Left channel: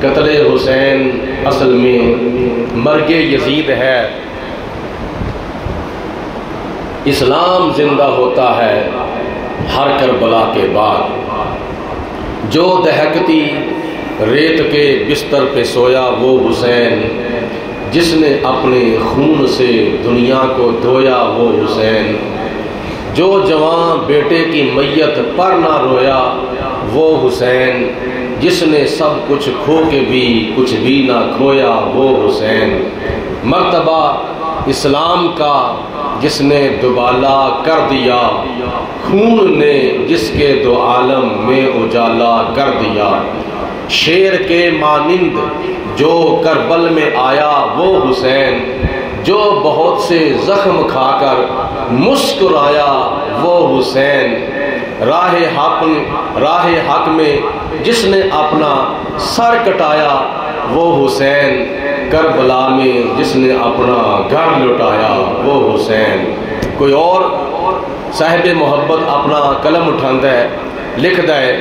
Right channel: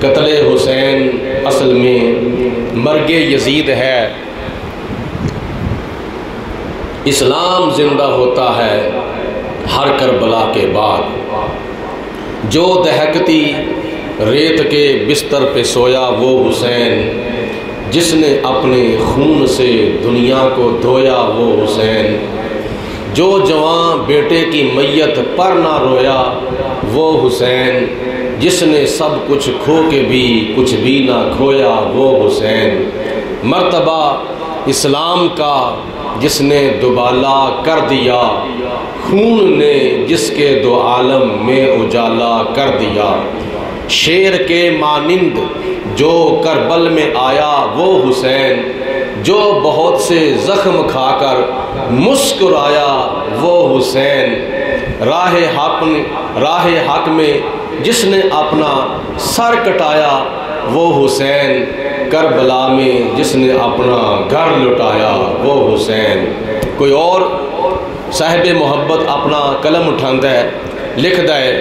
قتل حسین اصل میں مرگ یزید ہے۔ اسلام زندہ ہوتا ہے ہر کربلا کے بعد، جو دہکتی ریت کے بستر پہ سویا وہ حسین، جس نے اپنے خون سے دنیا کو دھویا وہ حسین، جو جوان بیٹے کی میت پر نہ رویا وہ حسین، جس نے سب کچھ کھو کے بھی کچھ بھی نہ کھویا وہ حسین، مرتبہ اسلام کا جس نے دوبالا کر دیا، خون نے جس کے دو عالم میں اجالا کر دیا، شیر کے مانند جو کربل میں آیا وہ حسین، جو بہت سے زخم کھا کر مسکرایا وہ حسین، راہ حق میں جس نے اپنا سر کٹایا وہ حسین، کربلا میں جس نے اپنا گھر لٹایا وہ حسین۔ کوئی اور صاحب محبت اپنا قلم اٹھاندا ہے، لکھدا ہے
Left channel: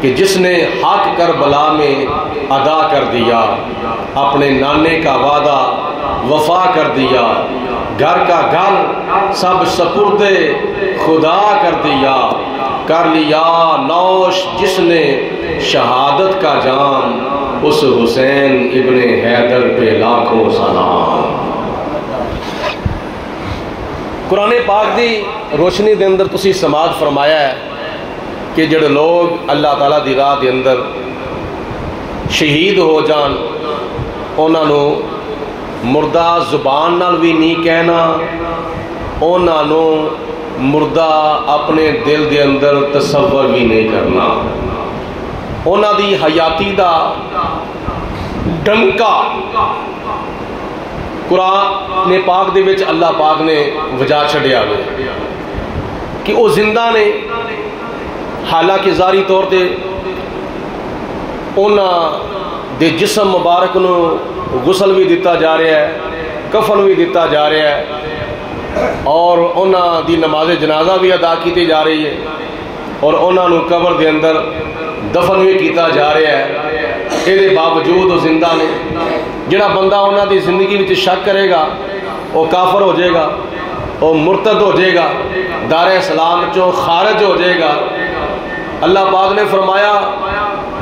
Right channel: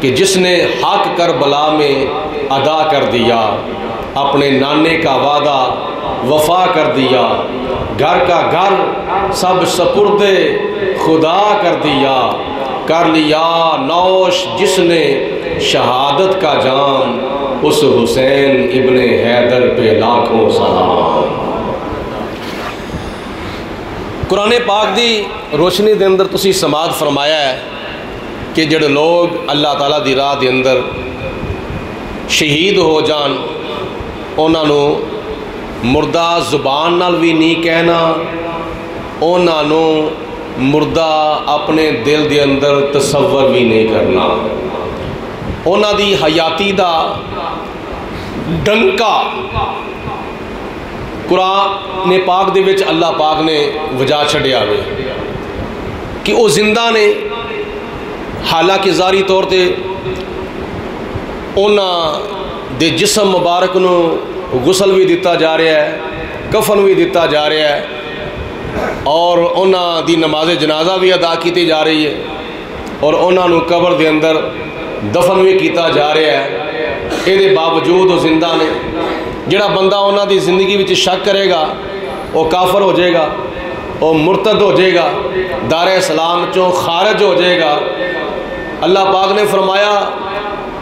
کہ جس نے حق کربلا میں ادا کر دیا، اپنے نانے کا وعدہ وفا کر دیا، گھر کا گھر سب سپرد خدا کر دیا، کر لیا نوش جس نے شہادت کا جام، اس حسین ابن حیدر پہ لاکھوں سلام۔ قرآن پاک دی روشنی دے اندر تسی سماعت فرمایا ہے کہ جڑے لوگ اللہ تعالیٰ دی راہ دے اندر شہید ہو جان، انہاں نو مردہ زبان نال بھی نہیں کہنا، انہاں نو مردہ اپنے دل دے اندر تصور بھی نہیں کرنا، انہاں دی حیاتی دا ڈنکا قرآن پاک دے وچ اللہ پاک نے وجا چھڈیا ہوئے کہ وہ زندہ نے، حالانکہ ظاہری طور تے انہاں دے جسم مبارک نو غسل بھی دیتا جا رہا ہے، کفن بھی دیتا جا رہا ہے، اور انہاں دی نماز جنازہ بھی ادا کیتی جا رہی ہے، اور انہاں نو قبر دے اندر دفن بھی کیتا جا رہا ہے، یہ باوجود وہ زندہ نے۔ جڑا بندہ انہاں دی زندگی وچ شک کرے گا وہ کافر ہو جائے گا، وہ مرتد ہو جائے گا، دار اسلام چوں خارج ہو جائے گا۔ اللہ پاک نے فرمایا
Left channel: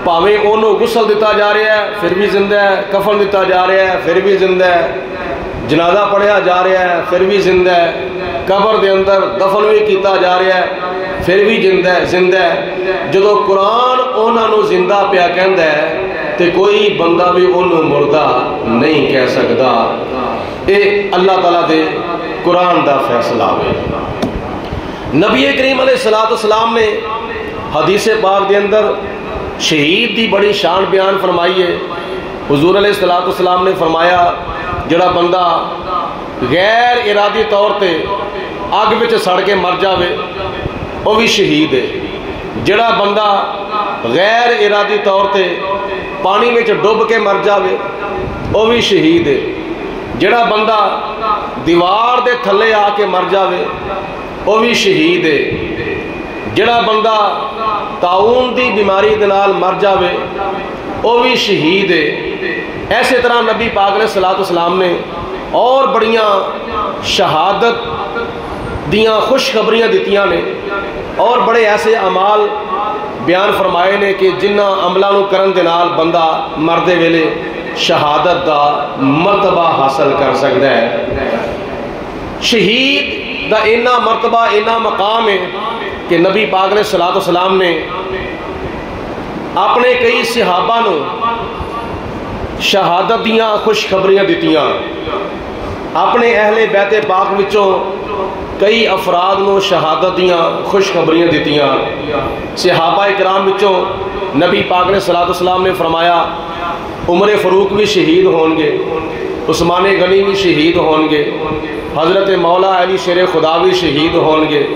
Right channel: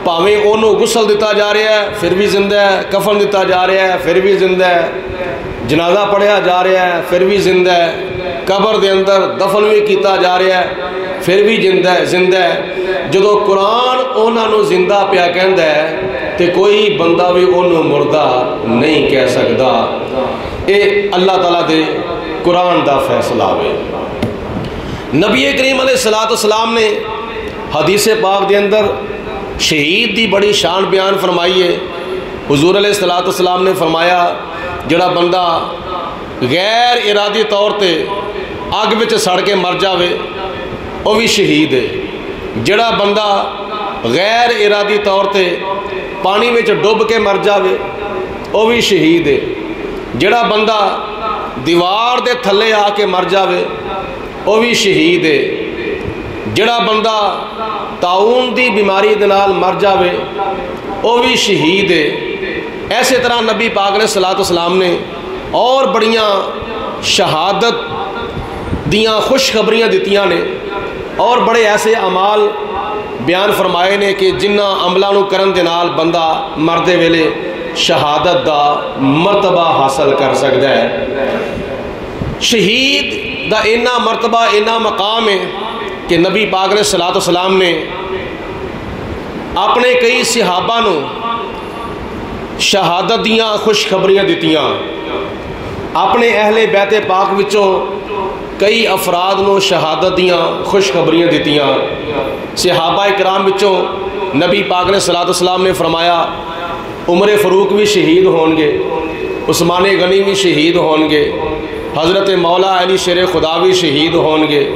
پاویں انہوں غسل دیتا جا رہا ہے پھر بھی زندہ ہے، کفن دیتا جا رہا ہے پھر بھی زندہ ہے، جنازہ پڑھیا جا رہا ہے پھر بھی زندہ ہے، قبر دے اندر دفن بھی کیتا جا رہا ہے پھر بھی زندہ ہے۔ جدو قرآن انہوں نے زندہ پیا کہندا ہے تو کوئی بندہ بھی انہوں مردہ نہیں کہہ سکتا۔ یہ اللہ تعالیٰ دے قرآن دا فیصلہ ہے۔ نبی کریم علیہ السلام نے حدیث پاک دے اندر شہید دی بڑی شان بیان فرمائی ہے۔ حضور علیہ السلام نے فرمایا جڑا بندہ غیر ارادی طور تے اگ وچ سڑ کے مر جاوے وہ بھی شہید ہے، جڑا بندہ غیر ارادی طور تے پانی وچ ڈب کے مر جاوے وہ بھی شہید ہے، جڑا بندہ دیوار دے تھلے آ کے مر جاوے وہ بھی شہید ہے، جڑا بندہ طاعون دی بیماری دے نال مر جاوے وہ بھی شہید ہے۔ ایسے طرح نبی پاک علیہ السلام نے اور بڑیاں شہادت دیاں خوشخبریاں دتیاں نے، اور بڑے ایسے اعمال بیان فرمائے نے کہ جنہ عملاں نو کرن دے نال بندہ مردے ویلے شہادت دا مرتبہ حاصل کر سکتا ہے۔ شہید دا اینا مرتبہ اینا مقام ہے کہ نبی پاک علیہ السلام نے اپنے کئی صحابہ نو شہادت دیاں خوشخبریاں دتیاں، اپنے اہل بیت پاک وچوں کئی افراد نو شہادت دیاں خوشخبریاں دتیاں۔ صحابہ اکرام وچوں نبی پاک علیہ السلام نے فرمایا عمر فاروق بھی شہید ہون گے، عثمان غنی بھی شہید ہون گے، حضرت مولا علی شیر خدا بھی شہید ہون گے،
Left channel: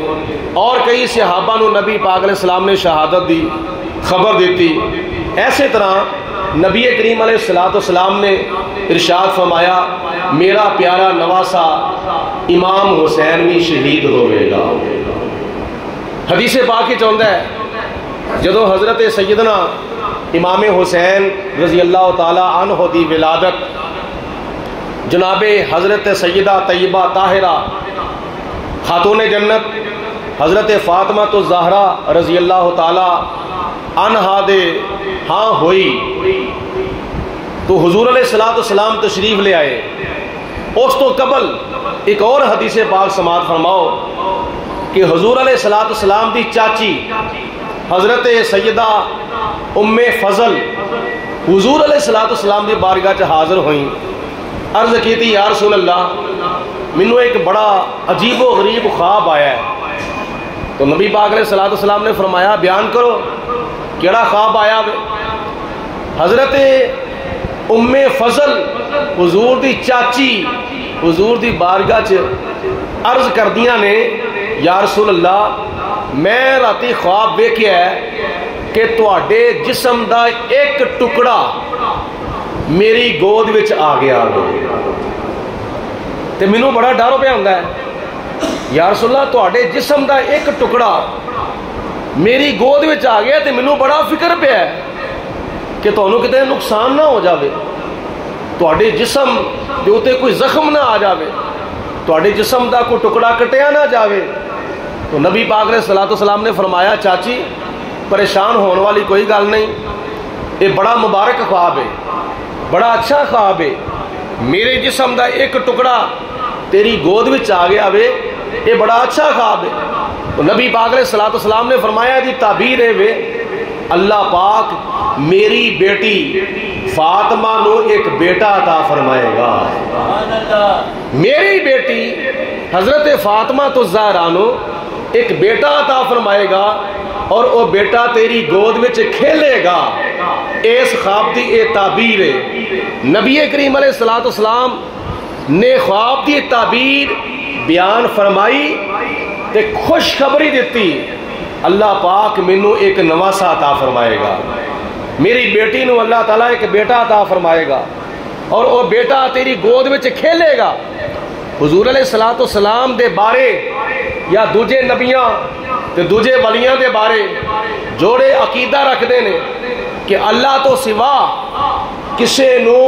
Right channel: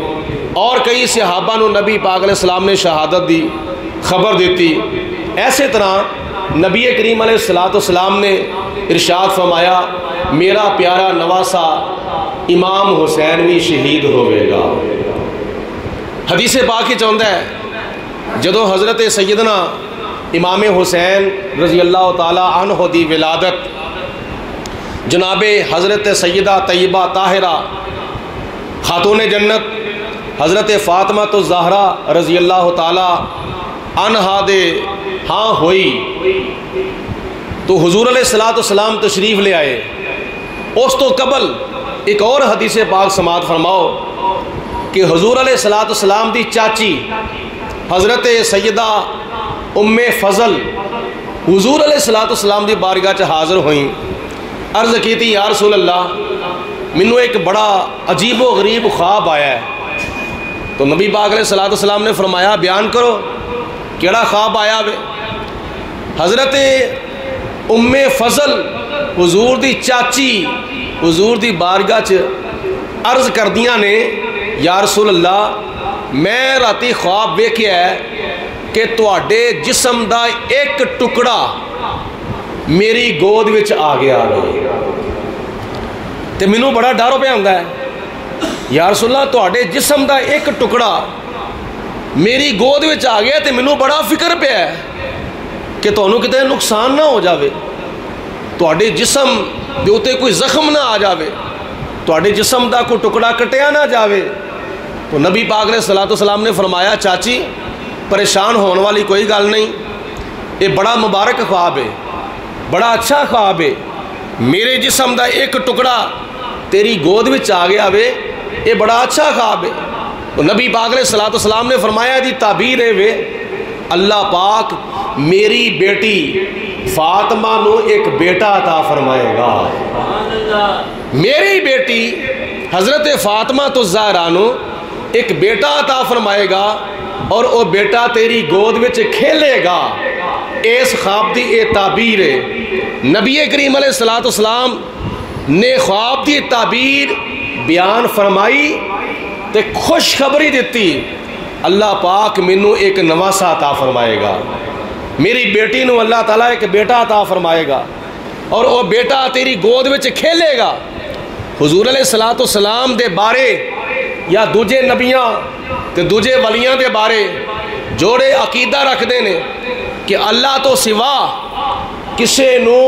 اور کئی صحابہ نو نبی پاک علیہ السلام نے شہادت دی خبر دیتی۔ ایسے طرح نبی کریم علیہ السلام نے ارشاد فرمایا میرا پیارا نواسا امام حسین بھی شہید ہوئے گا۔ حدیث پاک ہی چاہتا ہے جدو حضرت سیدنا امام حسین رضی اللہ تعالی عنہ دی ولادت جناب حضرت سیدہ طیبہ طاہرہ خاتون جنت حضرت فاطمہ الزہرا رضی اللہ تعالی عنہا دے ہاں ہوئی تو حضور علیہ السلام تشریف لے آئے۔ اس تو قبل ایک اور حدیث پاک سماعت فرماؤ کہ حضور علیہ السلام دی چاچی حضرت سیدہ ام فضل حضور علیہ السلام دی بارگاہ چ حاضر ہوئیں، عرض کی تھی یا رسول اللہ منو ایک بڑا عجیب و غریب خواب آیا ہے۔ تو نبی پاک علیہ السلام نے فرمایا بیان کرو کیڑا خواب آیا ہے؟ حضرت ام فضل حضور دی چاچی حضور دی بارگاہ چ عرض کردیاں نے یا رسول اللہ میں راتی خواب ویکھیا ہے کہ تواڈے جسم دا ایک ٹکڑا میری گود وچ آ گیا تے مینوں بڑا ڈر پیا ہوندا ہے یا رسول اللہ تواڈے جسم دا ایک ٹکڑا میری گود وچ آ گیا تے مینوں بڑا فکر پیا ہے کہ تانوں کتے نقصان نہ ہو جاوے، تواڈے جسم دے اوتے کوئی زخم نہ آ جاوے، تواڈے جسم دا کوئی ٹکڑا کٹیا نہ جاوے۔ تو نبی پاک علیہ السلام نے فرمایا چاچی پریشان ہونے والی کوئی گل نہیں، یہ بڑا مبارک خواب ہے، بڑا اچھا خواب ہے، میرے جسم دا ایک ٹکڑا تیری گود وچ آ گیا وے، یہ بڑا اچھا خواب ہے۔ تو نبی پاک علیہ السلام نے فرمایا دی تعبیر ہے وے اللہ پاک میری بیٹی فاطمہ نو ایک بیٹا عطا فرمائے گا، میری بیٹی حضرت فاطمہ الزہرا نو ایک بیٹا عطا فرمائے گا اور وہ بیٹا تیری گود وچ کھیلے گا۔ اس خواب دی اے تعبیر ہے۔ نبی کریم علیہ السلام نے خواب دی تعبیر بیان فرمائی تے خوشخبری دیتی اللہ پاک مینوں ایک نواسا عطا فرمائے گا، میری بیٹی نو اللہ تعالیٰ ایک بیٹا عطا فرمائے گا اور وہ بیٹا تیری گود وچ کھیلے گا۔ حضور علیہ السلام دے بارے یا دوجے نبیاں تے دوجے ولیاں دے بارے جوڑے عقیدہ رکھ دینے کہ اللہ تو سوا کسے نو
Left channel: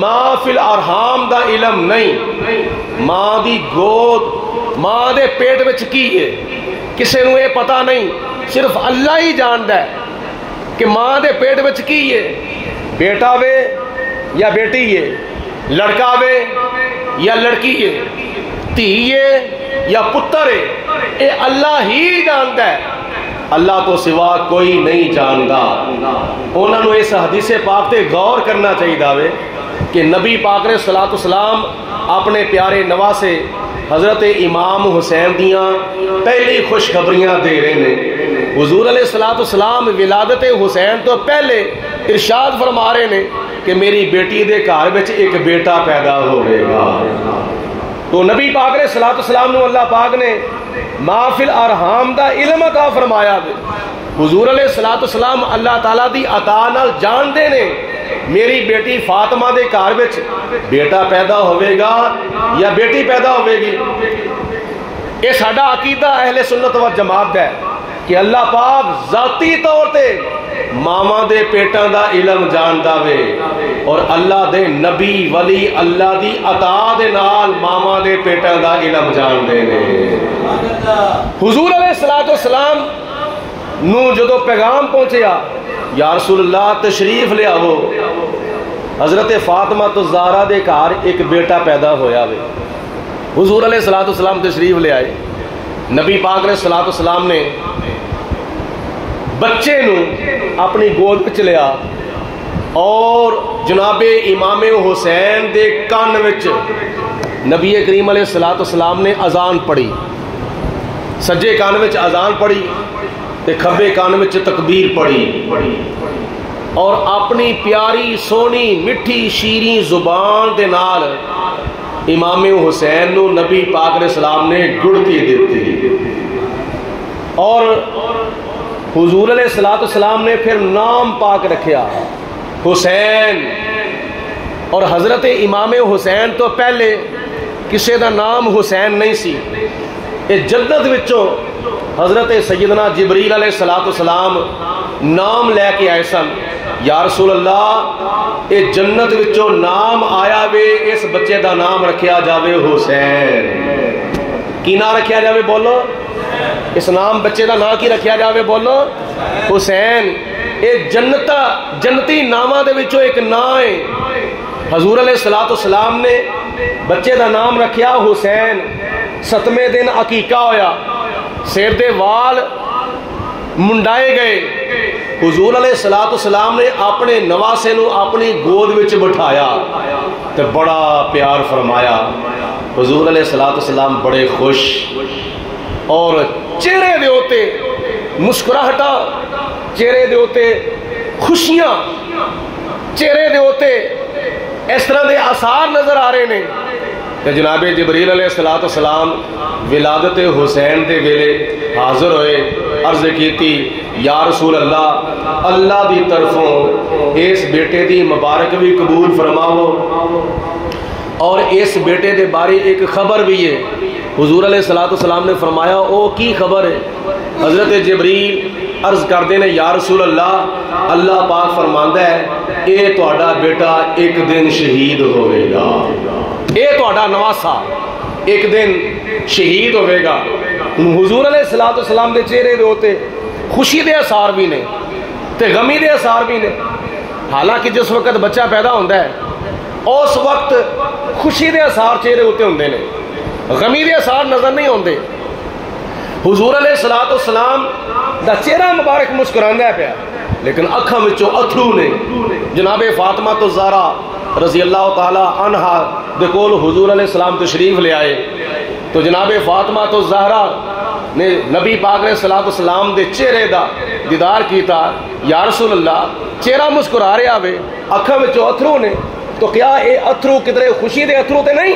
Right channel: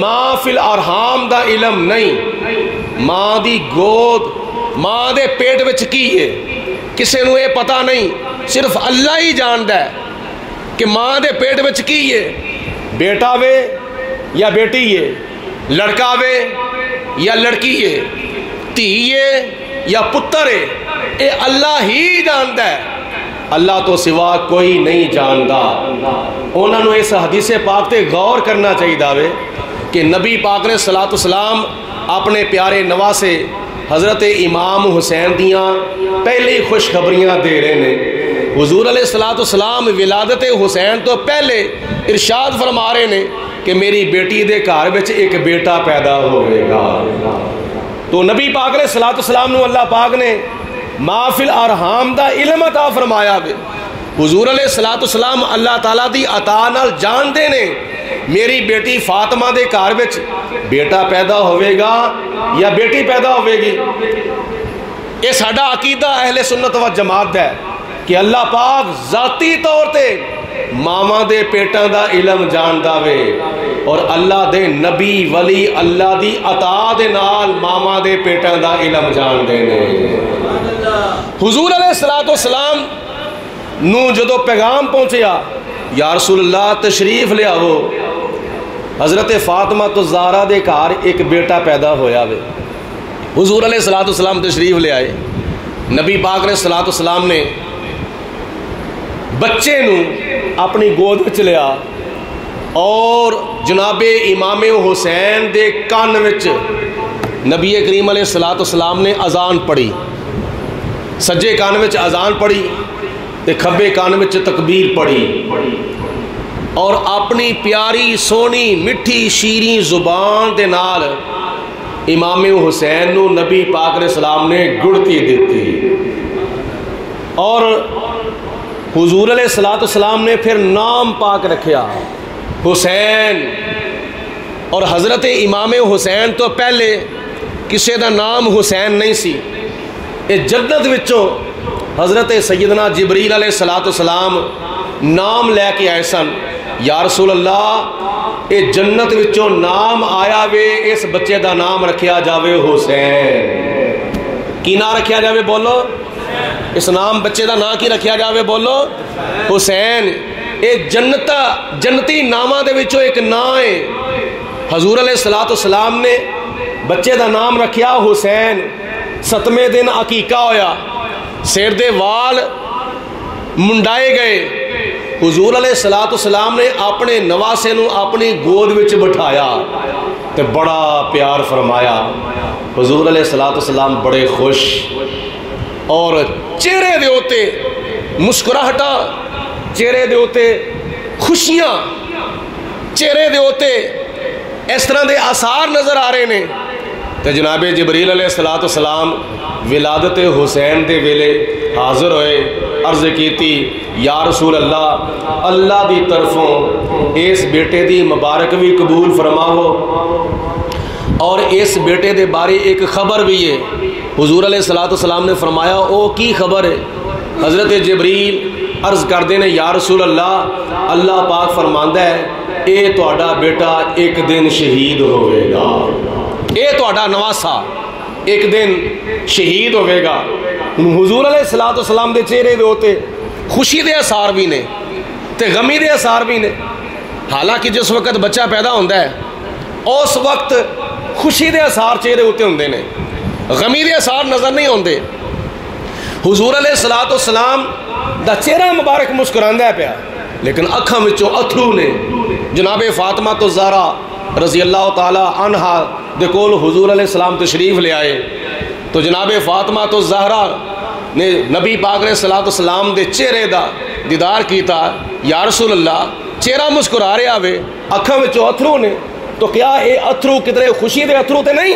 ماں فی الارحام دا علم نہیں، ماں دی گود ماں دے پیٹ وچ کی ہے کسے نو یہ پتہ نہیں، صرف اللہ ہی جاندا ہے کہ ماں دے پیٹ وچ کی ہے، بیٹا وے یا بیٹی ہے، لڑکا وے یا لڑکی ہے، دھی ہے یا پتر ہے، اے اللہ ہی جاندا ہے، اللہ تو سوا کوئی نہیں جاندا۔ انہوں نے اس حدیث پاک تے غور کرنا چاہیے داوے کہ نبی پاک نے صلاۃ السلام اپنے پیارے نواسے حضرت امام حسین دیاں پہلی خوشخبریاں دے رہے ہیں۔ حضور علیہ السلام ولادت حسین تو پہلے ارشاد فرما رہے ہیں کہ میری بیٹی دے گھر وچ ایک بیٹا پیدا ہوئے گا۔ تو نبی پاک علیہ السلام نے اللہ پاک نے ما فی الارحام دا علم عطا فرمایا بے۔ حضور علیہ السلام اللہ تعالیٰ دی عطا نال جان دے نے میری بیٹی فاطمہ دے گھر وچ بیٹا پیدا ہوئے گا یا بیٹی پیدا ہوئے گی۔ یہ ساڈا عقیدہ اہل سنت و جماعت ہے کہ اللہ پاک ذاتی طور تے ماما دے پیٹاں دا علم جاندا وے اور اللہ دے نبی ولی اللہ دی عطا دے نال ماما دے پیٹاں دا علم جان دے نے۔ حضور علیہ السلام نو جدو پیغام پہنچیا یا رسول اللہ تشریف لے آو حضرت فاطمہ الزہرا دے گھر ایک بیٹا پیدا ہویا وے۔ حضور علیہ السلام تشریف لے آئے، نبی پاک علیہ السلام نے بچے نو اپنی گود وچ لیا اور جناب امام حسین دے کان وچ نبی کریم علیہ السلام نے اذان پڑھی، سجے کان وچ اذان پڑھی تے کھبے کان وچ تکبیر پڑھی اور اپنی پیاری سونی مٹھی شیریں زبان دے نال امام حسین نو نبی پاک علیہ السلام نے گڑتی دیتی اور حضور علیہ السلام نے پھر نام پاک رکھیا حسین، اور حضرت امام حسین تو پہلے کسی دا نام حسین نہیں سی۔ اس جدت وچوں حضرت سیدنا جبریل علیہ السلام نام لے کے آئے سن یا رسول اللہ یہ جنت وچوں نام آیا وے اس بچے دا نام رکھیا جاوے حسین. کی نام رکھیا جاوے بولو؟ اس نام بچے دا نام کی رکھیا جاوے بولو؟ حسین. یہ جنتی نامہ دے وچوں ایک نام ہے. حضور علیہ السلام نے بچے دا نام رکھیا حسین. 7ویں دن عقیقہ ہویا, سر دے وال منڈائے گئے. حضور علیہ السلام نے اپنے نواسے نو اپنی گود وچ بٹھایا تے بڑا پیار فرمایا. حضور علیہ السلام بڑے خوش اور چہرے دے ہوتے مسکراہٹا, چہرے دے ہوتے خوشیاں, چہرے دے ہوتے اس طرح دے آثار نظر آ رہے ہیں. تے جناب جبریل علیہ السلام ولادت حسین دے ویلے حاضر ہوئے, عرض کیتی یا رسول اللہ اللہ دی طرفوں اس بیٹے دی مبارک بھی قبول فرماؤ اور اس بیٹے دے بارے ایک خبر بھی ہے. حضور علیہ السلام نے فرمایا او کی خبر ہے؟ حضرت جبریل عرض کردے نے یا رسول اللہ اللہ پاک فرماندا ہے اے تہاڈا بیٹا ایک دن شہید ہوئے گا, اے تہاڈا نواسا ایک دن شہید ہوئے گا. حضور علیہ السلام دے چہرے دے ہوتے خوشی دے اثار بھی نے تے غمی دے اثار بھی نے. حالانکہ جس وقت بچہ پیدا ہوتا ہے اس وقت خوشی دے اثار چہرے ہوتے ہوندے نے, غمی دے اثار نظر نہیں ہوندے. حضور علیہ السلام دا چہرہ مبارک مسکراندا پیا لیکن اکھاں وچوں اتھرو نے. جناب فاطمہ تو زہرا رضی اللہ تعالی عنہا دے کول حضور علیہ السلام تشریف لے آئے تو جناب فاطمہ تو زہرا نے نبی پاک علیہ السلام دے چہرے دا دیدار کیتا. یا رسول اللہ چہرہ مسکرا رہا وے, اکھاں وچوں اتھرو نے, تو کیا اے اتھرو کدھر خوشی دے اتھرو تے نہیں؟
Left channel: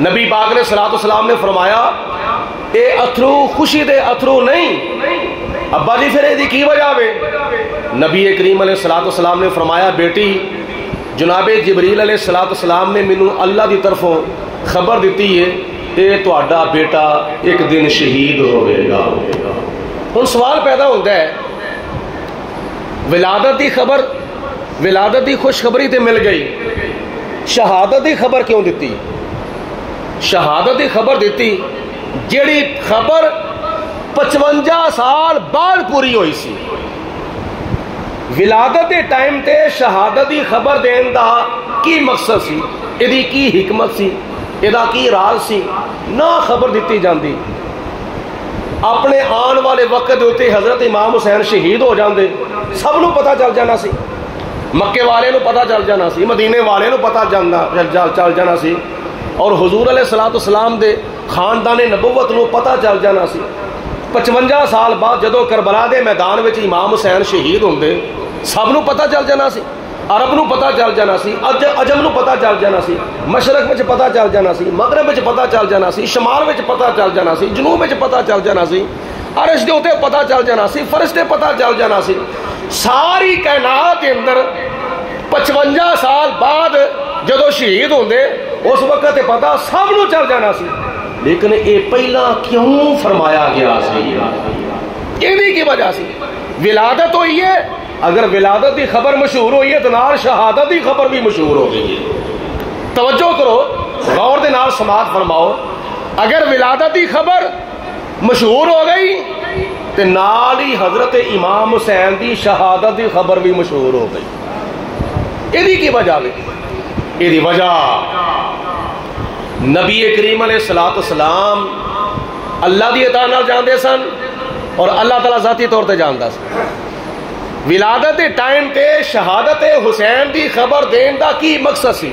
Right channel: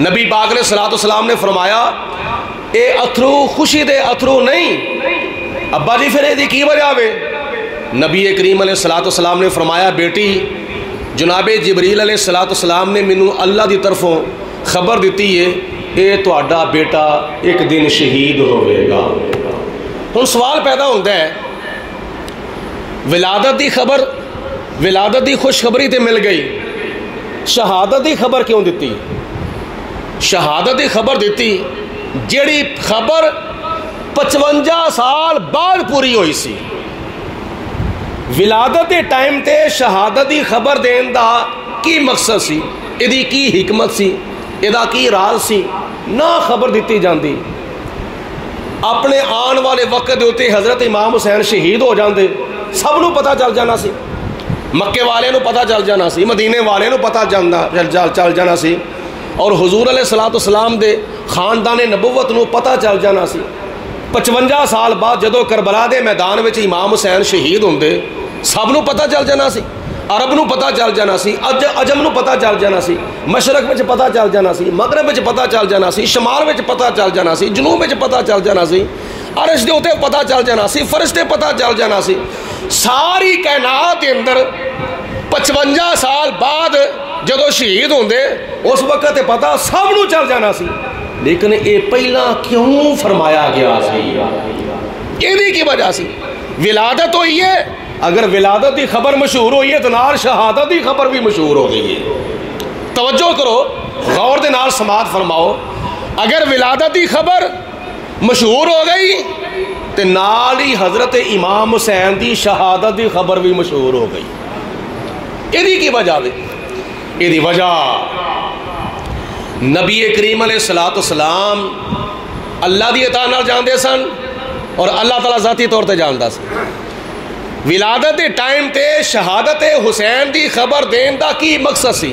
نبی پاک علیہ السلام نے فرمایا اے اتھرو خوشی دے اتھرو نہیں. ابا جی پھر دی کی وجہ وے؟ نبی کریم علیہ السلام نے فرمایا بیٹی جناب جبریل علیہ السلام نے مینوں اللہ دی طرفوں خبر دیتی ہے اے تہاڈا بیٹا ایک دن شہید ہوئے گا. ہن سوال پیدا ہوتا ہے ولادت دی خبر, ولادت دی خوشخبری تے مل گئی, شہادت دی خبر کیوں دیتی؟ شہادت دی خبر دیتی جیڑی خبر 55 سال بعد پوری ہوئی سی. ولادت دے ٹائم تے شہادت دی خبر دین دا کی مقصد سی, ایدی کی حکمت سی, ایدا کی راز سی, نہ خبر دیتی جاندی. اپنے آن والے وقت دے ہوتے حضرت امام حسین شہید ہو جاندے, سب نو پتہ چل جانا سی, مکے والے نو پتہ چل جانا سی, مدینے والے نو پتہ چل جانا سی, اور حضور علیہ السلام دے خاندان نبوت نو پتہ چل جانا سی. 55 سال بعد جدو کربلا دے میدان وچ امام حسین شہید ہوندے سب نو پتہ چل جانا سی, عرب نو پتہ چل جانا سی, عجم نو پتہ چل جانا سی, مشرق وچ پتہ چل جانا سی, مغرب وچ پتہ چل جانا سی, شمال وچ پتہ چل جانا سی, جنوب وچ پتہ چل جانا سی, عرش دے اوتے پتہ چل جانا سی, فرشتے پتہ چل جانا سی. ساری کائنات دے اندر 55 سال بعد جدو شہید ہوندے اس وقت پتہ سب نو چل جانا سی. لیکن اے پہلا کیوں فرمایا گیا سی؟ یہ کی وجہ سی ولادت ہوئی ہے. اگر ولادت دی خبر مشہور ہوئی ہے تو نال شہادت دی خبر بھی مشہور ہو گئی ہے. توجہ کرو, غور دے نال سماعت فرماؤ. اگر ولادت دی خبر مشہور ہو گئی تو نال ہی حضرت امام حسین دی شہادت دی خبر بھی مشہور ہو گئی. یہ کی وجہ ہے؟ یہ وجہ نبی کریم علیہ السلام اللہ دی عطا نال جاندے سن اور اللہ تعالیٰ ذاتی طور تے جاندا سی. ولادت ٹائم تے شہادت حسین دی خبر دین دا کی مقصد سی؟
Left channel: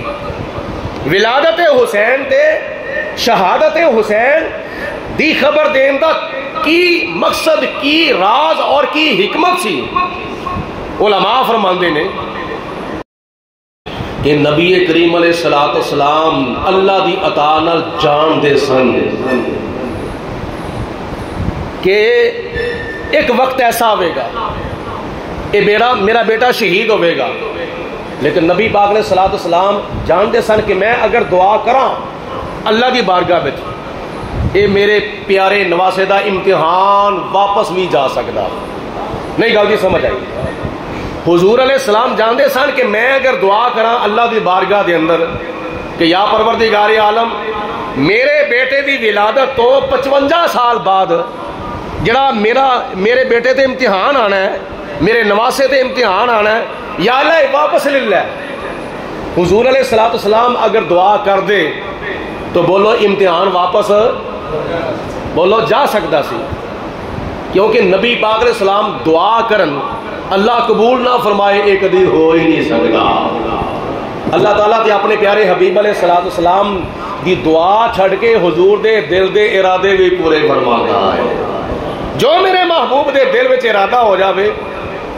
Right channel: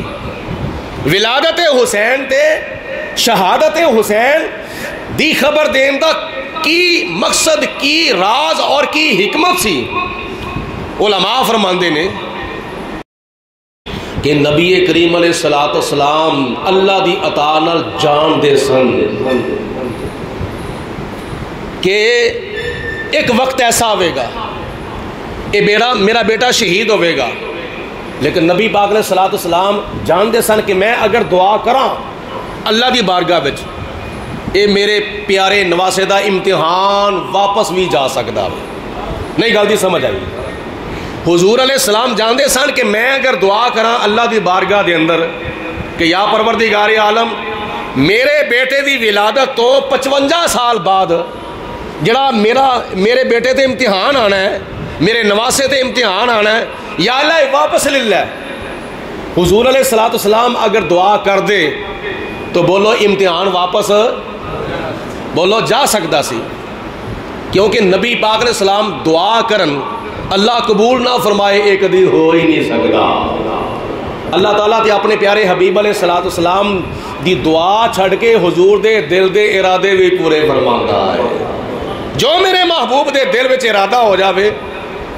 ولادت حسین تے شہادت حسین دی خبر دین دا کی مقصد, کی راز اور کی حکمت سی؟ علماء فرماندے نے کہ نبی کریم علیہ السلام اللہ دی عطا نال جان دے سن کہ ایک وقت ایسا ہوئے گا میرا بیٹا شہید ہوئے گا, لیکن نبی پاک علیہ السلام جان دے سن کہ میں اگر دعا کراں اللہ دی بارگاہ وچ اے میرے پیارے نواسے دا امتحان واپس بھی جا سکتا. نہیں گل دی سمجھ آئی؟ حضور علیہ السلام جاندے سن کہ میں اگر دعا کراں اللہ دی بارگاہ دے اندر کہ یا پروردگار عالم میرے بیٹے دی ولادت تو 55 سال بعد جڑا میرے بیٹے تے امتحان آنا ہے، میرے نواسے تے امتحان آنا ہے، یا اللہ واپس لے لے۔ حضور علیہ السلام اگر دعا کر دے تو بولو امتحان واپس بولو جا سکتا سی، کیونکہ نبی پاک علیہ السلام دعا کرن اللہ قبول نہ فرمائے ایک دن ہو ہی نہیں سکتا۔ اللہ تعالیٰ تے اپنے پیارے حبیب علیہ السلام دی دعا چھڑ کے حضور دے دل دے ارادے بھی پورے فرماندا ہے۔ جو میرے محبوب دے دل وچ ارادہ ہو جاوے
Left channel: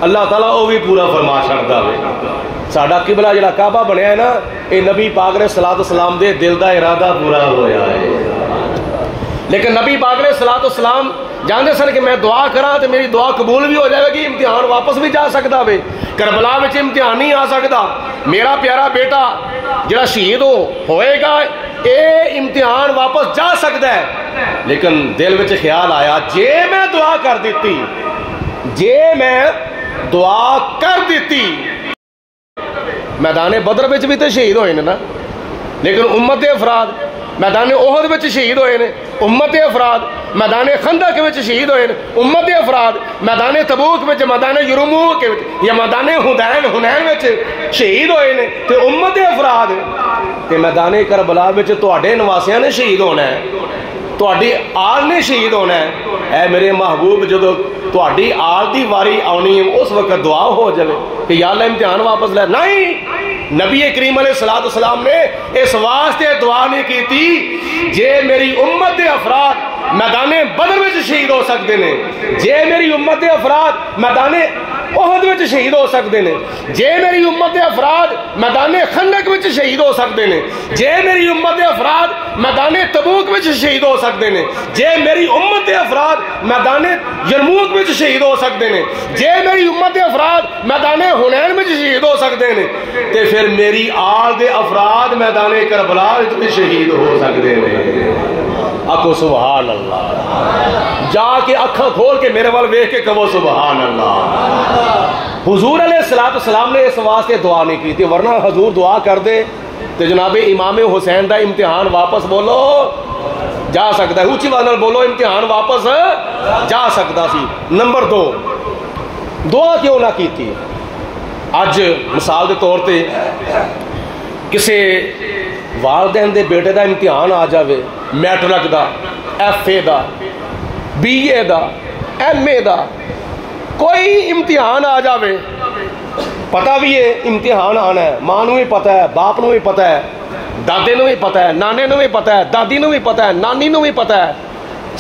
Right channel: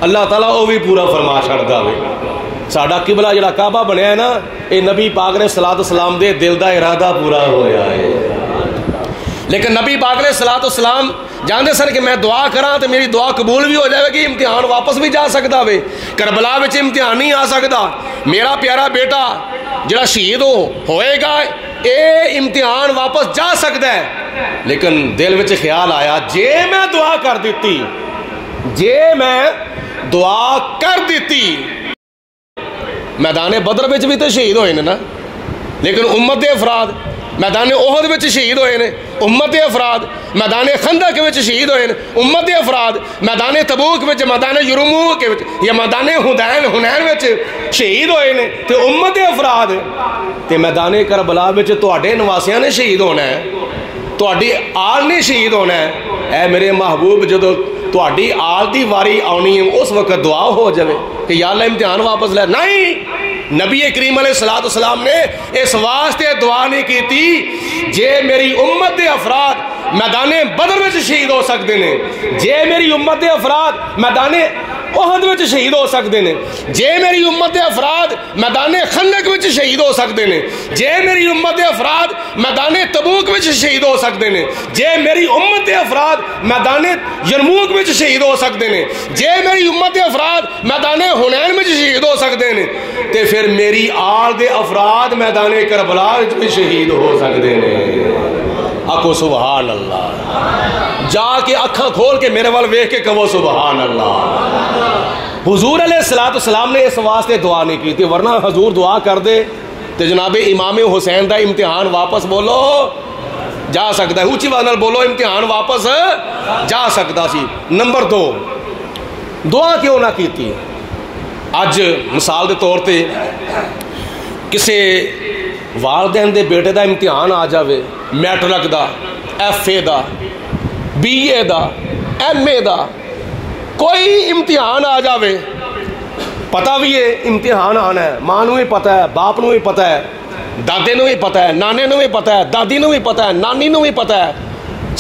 اللہ تعالیٰ وہ بھی پورا فرما چھڑدا ہے۔ ساڈا قبلہ جڑا کعبہ بنیا ہے نا، اے نبی پاک علیہ السلام دے دل دا ارادہ پورا ہویا ہے۔ لیکن نبی پاک علیہ السلام جانتے سن کہ میں دعا کراں تو میری دعا قبول بھی ہو جائے گی، امتحان واپس بھی جا سکتا وے، کربلا وچ امتحان نہیں آ سکتا، میرا پیارا بیٹا جڑا شہید ہوئے گا اے امتحان واپس جا سکتا ہے۔ لیکن دل وچ خیال آیا جے میں دعا کر دیتی، جے میں دعا کر دیتی، میدان بدر وچ بھی تو شہید ہوئے نا، لیکن امت دے افراد میدان احد وچ شہید ہوئے نے، امت افراد میدان خندق وچ شہید ہوئے نے، امت افراد میدان تبوک وچ، میدان یرموک یا میدان حنین وچ شہید ہوئے نے، تے امت افراد تے میدان کربلا وچ تواڈے نواسیاں نے شہید ہونا ہے، تواڈی آل نے شہید ہونا ہے۔ اے میرے محبوب جدو تواڈی آل دی واری آنی ہے اس وقت دعا ہو جائے کہ یا اللہ امتحان واپس لے، نہیں، نبی کریم علیہ السلام نے اس واسطے دعا نہیں کی تھی جے میری امت دے افراد میدان بدر وچ شہید ہو سکتے ہیں، جے میری امت دے افراد میدان احد وچ شہید ہو سکتے ہیں، جے میری امت دے افراد میدان خندق وچ شہید ہو سکتے ہیں، جے میری امت دے افراد میدان تبوک وچ شہید ہو سکتے ہیں، جے میری امت دے افراد میدان یرموک وچ شہید ہو سکتے ہیں، جے میری امت دے افراد میدان حنین وچ شہید ہو سکتے ہیں، تے پھر میری آل دے افراد میدان کربلا وچ شہید ہو سکتے ہیں۔ آکھو سبحان اللہ، جا کے اکھاں کھول کے میرے وال ویکھ کے کہو سبحان اللہ۔ حضور علیہ السلام نے اس واسطے دعا نہیں کی تھی، ورنہ حضور دعا کر دے تو جناب امام حسین دا امتحان واپس بولو جا سکتا ہے، اونچی آواز نال بولو امتحان واپس جا سکتا سی۔ نمبر 2، دعا کیوں نہ کیتی؟ اج مثال دے طور تے کسے والدین دے بیٹے دا امتحان آ جاوے، میٹرک دا، ایف اے دا، بی اے دا، ایم اے دا، کوئی امتحان آ جاوے، پتہ بھی ہے امتحان آنا ہے، ماں نو بھی پتہ ہے، باپ نو بھی پتہ ہے، دادے نو بھی پتہ ہے، نانے نو بھی پتہ ہے، دادی نو بھی پتہ ہے، نانی نو بھی پتہ ہے،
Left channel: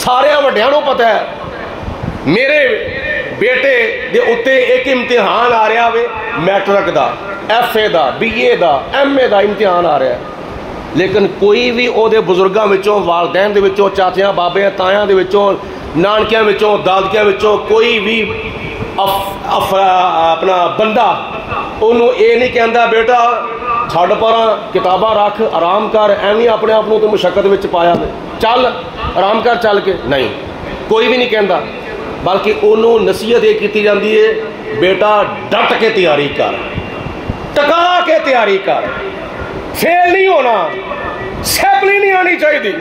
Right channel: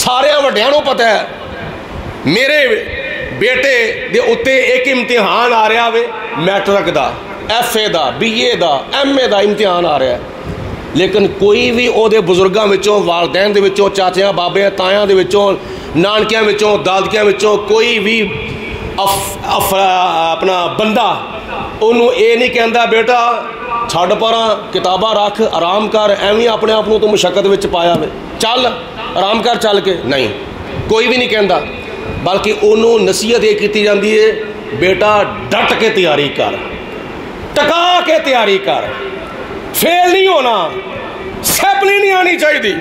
سارے وڈیاں نو پتہ ہے میرے بیٹے دے اتے ایک امتحان آ رہا وے، میٹرک دا، ایف اے دا، بی اے دا، ایم اے دا امتحان آ رہا ہے، لیکن کوئی بھی او دے بزرگاں وچوں، والدین دے وچوں، چاچیاں بابیاں تایاں دے وچوں، نانکیاں وچوں، دادکیاں وچوں کوئی بھی اپنا بندہ انہوں اے نہیں کہندا بیٹا چھڑ پراں کتاباں رکھ آرام کر، ایویں اپنے آپ تو مشقت وچ پایا وے، چل آرام کر چل کے، نہیں، کوئی بھی نہیں کہندا، بلکہ انہوں نصیحت یہ کیتی جاندی ہے بیٹا ڈٹ کے تیاری کر، ٹکا کے تیاری کر، فیل نہیں ہونا، سیپلی نہیں آنی چاہیے،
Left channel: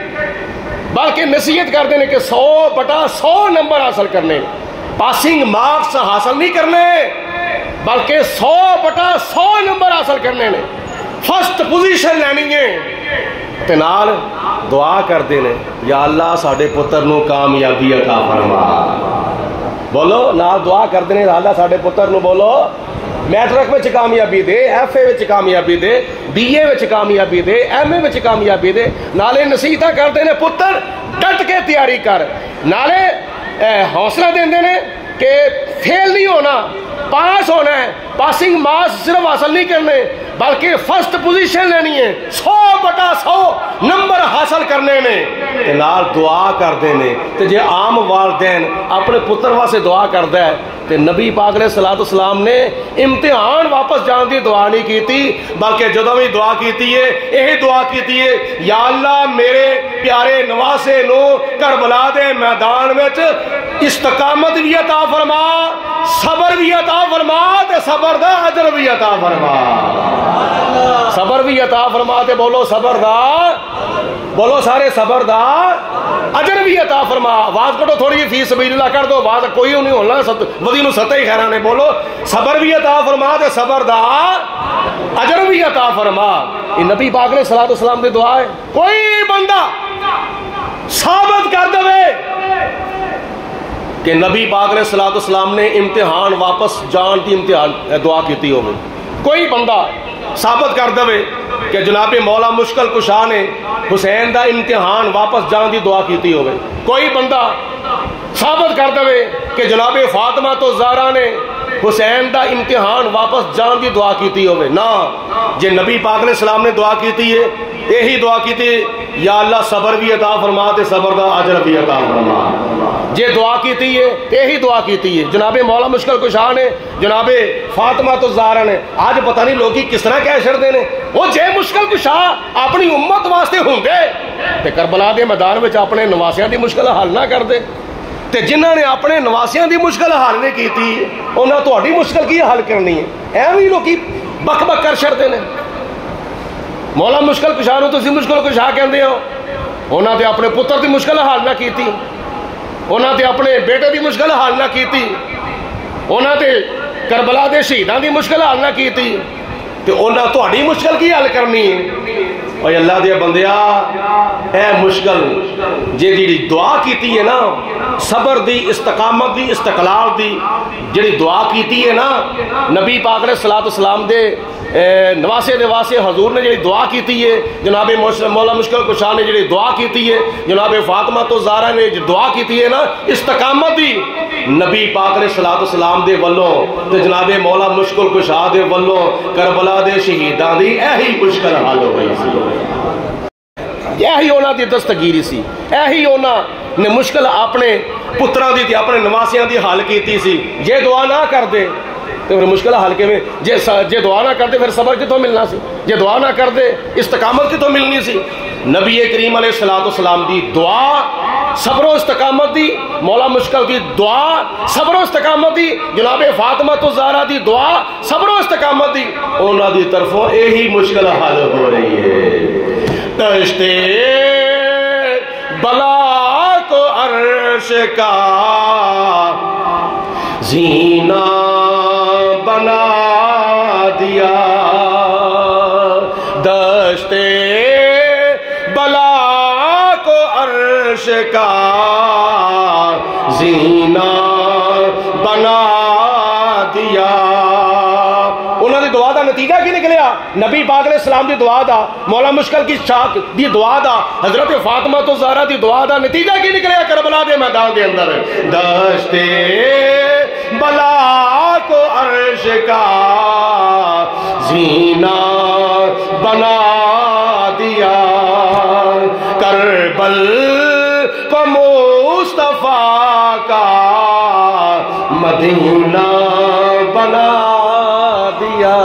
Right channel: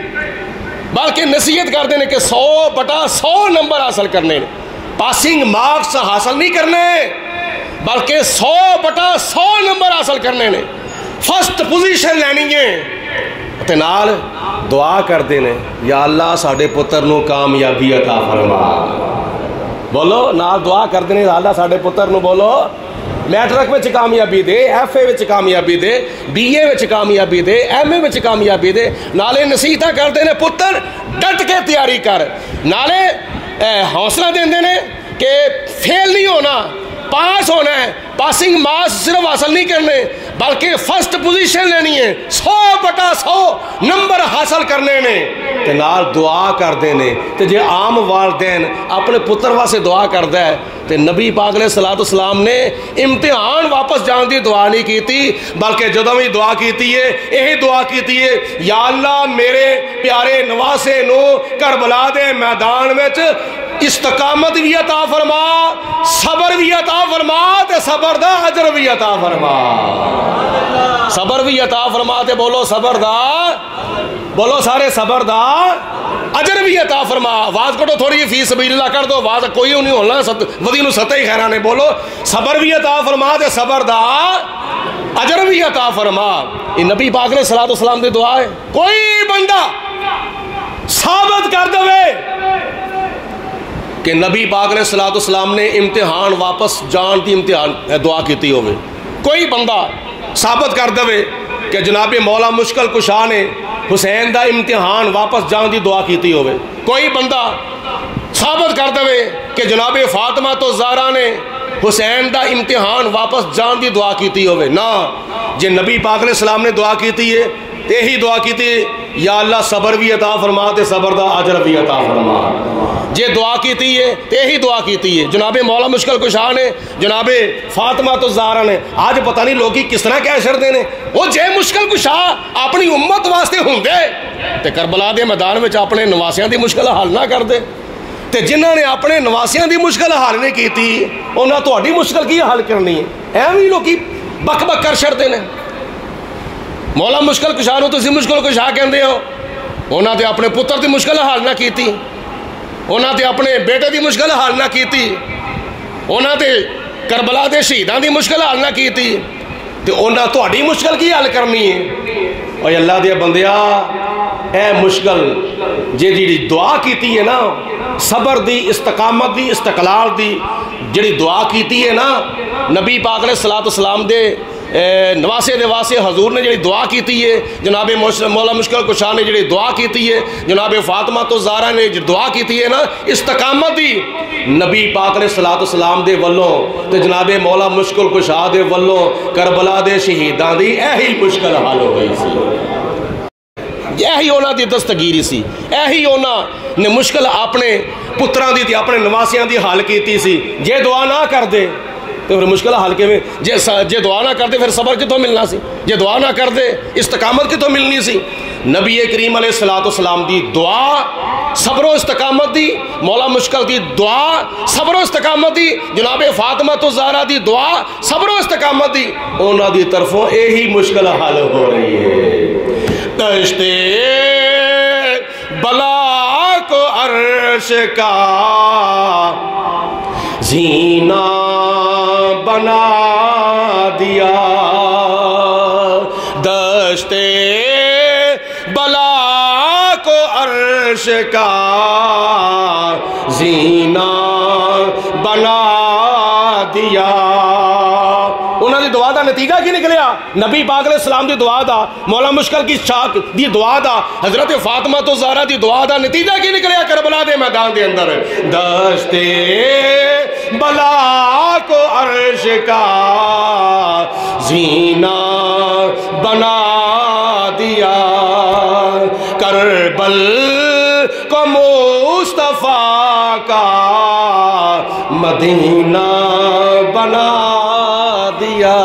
بلکہ نصیحت کر دینے کہ 100/100 نمبر حاصل کرنے، پاسنگ مارکس حاصل نہیں کرنے بلکہ 100/100 نمبر حاصل کرنے نے، فرسٹ پوزیشن لینی ہے، تے نال دعا کر دینے یا اللہ ساڈے پتر نو کامیابی عطا فرما، بولو نال دعا کر دینے یا اللہ ساڈے پتر نو بولو میٹرک وچ کامیابی دے، ایف اے وچ کامیابی دے، بی اے وچ کامیابی دے، ایم اے وچ کامیابی دے، نالے نصیحتاں کرتے نے پتر ڈٹ کے تیاری کر، نالے حوصلہ دیندے نے کہ فیل نہیں ہونا، پاس ہونا ہے، پاسنگ مارکس صرف حاصل نہیں کرنے بلکہ فرسٹ پوزیشن لینی ہے، 100/100 نمبر حاصل کرنے نے، تے نال دعا کر دینے، تے جے عام والدین اپنے پتر واسطے دعا کردا ہے تے نبی پاک علیہ السلام نے امتحان واپس جان دی دعا نہیں کیتی بلکہ جدوں بھی دعا کیتی ہے یہی دعا کیتی ہے یا اللہ میرے پیارے نواسے نو کربلا دے میدان وچ استقامت بھی عطا فرما، صبر بھی عطا فرما، تے صبر دا اجر بھی عطا فرما۔ صبر بھی عطا فرما تے بولو صبر دا، بولو سارے صبر دا اجر بھی عطا فرما۔ آواز کٹو تھوڑی جی، فی سبیل اللہ کر دو، آواز کوئی نہیں ہونا، ودی نو ستہ ہی خیرانے، بولو صبر بھی عطا فرما تے صبر دا اجر بھی عطا فرما۔ یہ نبی پاک نے صلاۃ والسلام کی دعا ہے۔ کوئی بندہ ثابت کر دے کہ نبی پاک نے صلاۃ والسلام نے امتحان واپس جان دی امتحان دعا کیتی ہوئے، کوئی بندہ ثابت کر دے کہ جناب مولا مشکل کشا نے حسین دا امتحان واپس جان دی دعا کیتی ہوئے، کوئی بندہ ثابت کر دے کہ جناب فاطمہ تو زہرا نے حسین دا امتحان واپس جان دی دعا کیتی ہوئے، نہ جے نبی پاک نے سلام نے دعا کیتی ہے، یہی دعا کیتی ہے یا اللہ صبر بھی عطا فرما تے صبر دا اجر بھی عطا فرما۔ جے دعا کیتی ہے یہی دعا کیتی ہے جناب مولا مشکل کشا نے، جناب فاطمہ تو زہرا نے۔ آج پتہ نہیں لوگی کس طرح کہہ چھڑدے نے، وہ جے مشکل کشا اپنی امت واسطے ہوندے تے کربلا دے میدان وچ اپنے نواسیاں دی مشکل حل نہ کردے، تے جنہاں نے اپنے نواسیاں دی مشکل حل نہیں کیتی انہاں تہاڈی مشکل کی حل کرنی ہے؟ ایویں لوکی بک بک کر چھڑدے نے۔ مولا مشکل کشا نو تسی مشکل کشا کہندے ہو، انہاں تے اپنے پتر دی مشکل حل نہ کیتی، انہاں تے اپنے بیٹے دی مشکل حل نہ کیتی، انہاں تے کربلا دے شہیداں دی مشکل حل نہ کیتی، تے انہاں تہاڈی مشکل کی حل کرنی ہے؟ اوے اللہ دے بندیا، اے مشکل جیڑی دعا کیتی ہے نا، صبر دی، استقامت دی، استقلال دی جیڑی دعا کیتی ہے نا، نبی پاک علیہ الصلوۃ والسلام دے نواسے دے واسطے حضور نے جڑی دعا کیتی ہے، جناب مولا مشکل کشا نے جڑی دعا کیتی ہے، جناب فاطمہ تو زہرا نے جو دعا کیتی ہے نا استقامت دی، نبی پاک علیہ الصلوۃ والسلام دے والوں تے جناب مولا مشکل کشا دے والوں کربلا دے شہیداں دی یہی مشکل حل ہو گئی سی، یہی انہاں دی دستگیری سی، یہی انہاں نے مشکل اپنے پتراں دی تے اپنے نواسیاں دی حل کیتی سی۔ جے دعا نہ کر دے تو پھر مشکل حل کے میں، جے دعا نہ کرتے پھر صبر کتوں ملنا سی، جے دعا نہ کرتے استقامت کتوں ملنی سی؟ نبی کریم علیہ الصلوۃ والسلام دی دعا صبر و استقامت دی، مولا مشکل دی دعا صبر و استقامت دی، جناب فاطمہ تو زہرا دی دعا صبر و استقامت دی، انہاں دی طرفوں یہی مشکل حل ہو رہی ہے۔ دشتے بلا کو عرش کا زینہ بنا دیا، دشتے بلا کو عرش کا زینہ بنا دیا۔ انہوں نے دعا دا نتیجہ کی نکلیا؟ نبی پاک علیہ السلام دی دعا دا، مولا مشکل کی شاک دی دعا دا، حضرت فاطمہ تو زہرا دی دعا دا نتیجہ کی نکلیا کربلا دے میدان دے اندر؟ دشتے بلا کو عرش کا زینہ بنا دیا، کربل کو مصطفیٰ کا مدینہ بنا دیا،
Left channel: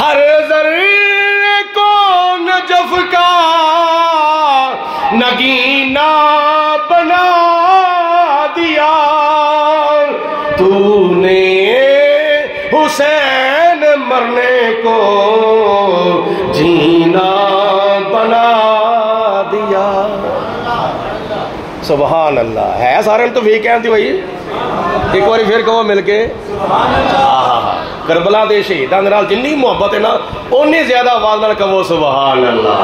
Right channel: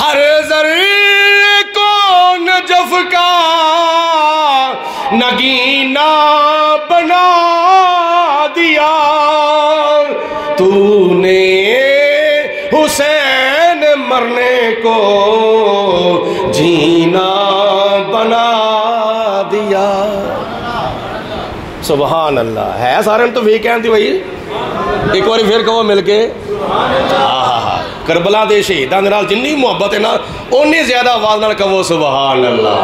ہر ذرے کو نجف کا نگینہ بنا دیا، تو نے حسین مرنے کو جینا بنا دیا۔ سبحان اللہ، ہے سارے تو بھی کہتے بھائی ایک بار پھر کہو مل کے کربلا دے شہیداں دے نال جنی محبت ہے نا اونی زیادہ آواز نال کہو سبحان اللہ۔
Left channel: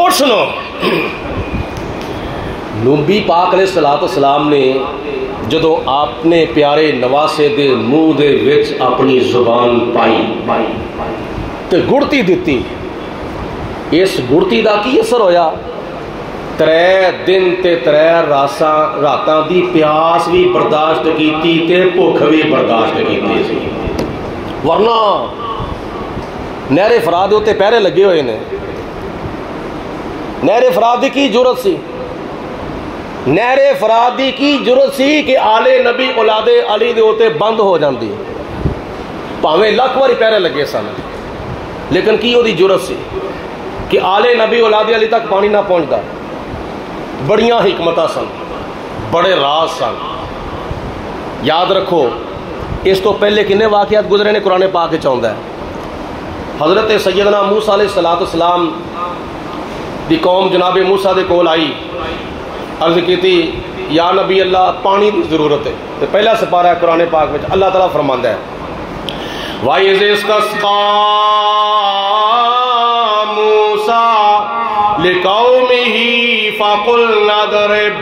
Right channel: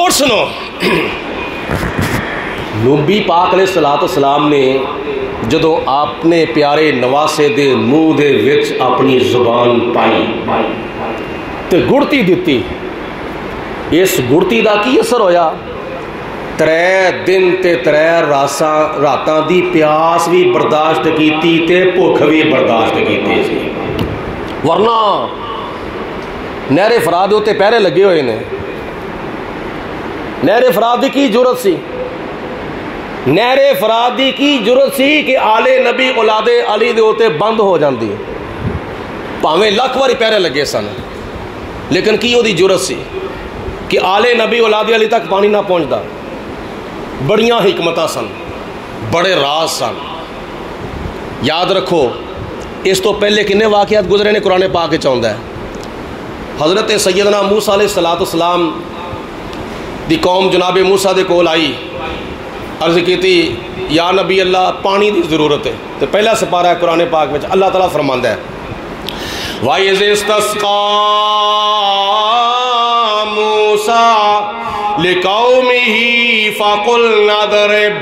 اور سنو، نبی پاک علیہ الصلوۃ والسلام نے جدو اپنے پیارے نواسے دے منہ دے وچ اپنی زبان پائی تو گڑتی دیتی، اس گڑتی دا کی اثر ہویا؟ 3 دن تے 3 راتاں دی پیاس بھی برداشت کیتی تے بھوک بھی برداشت کیتی سی، ورنہ نہر فرات دے تے پہرے لگے ہوئے نے۔ نہر فرات دی کی ضرورت سی؟ نہر فرات دی کی ضرورت سی کہ آل نبی اولاد علی دے ہوتے بند ہو جاندی، پاویں لکھ واری پہرے لگے سن، لیکن کی وہ دی ضرورت سی کہ آل نبی اولاد علی تک پانی نہ پہنچدا؟ بڑیاں حکمتاں سن، بڑے راز سن. یاد رکھو اس تو پہلے کنے واقعات گزرے نے قرآن پاک وچ آوندا ہے. حضرت سیدنا موسیٰ علیہ السلام دی قوم جناب موسیٰ دے کول آئی، عرض کیتی یا نبی اللہ پانی دی ضرورت ہے. تو پہلا سپارہ قرآن پاک وچ اللہ تعالیٰ فرماندا ہے وَإِذِ اسْتَسْقَىٰ مُوسَىٰ لِقَوْمِهِ فَقُلْنَا اضْرِبْ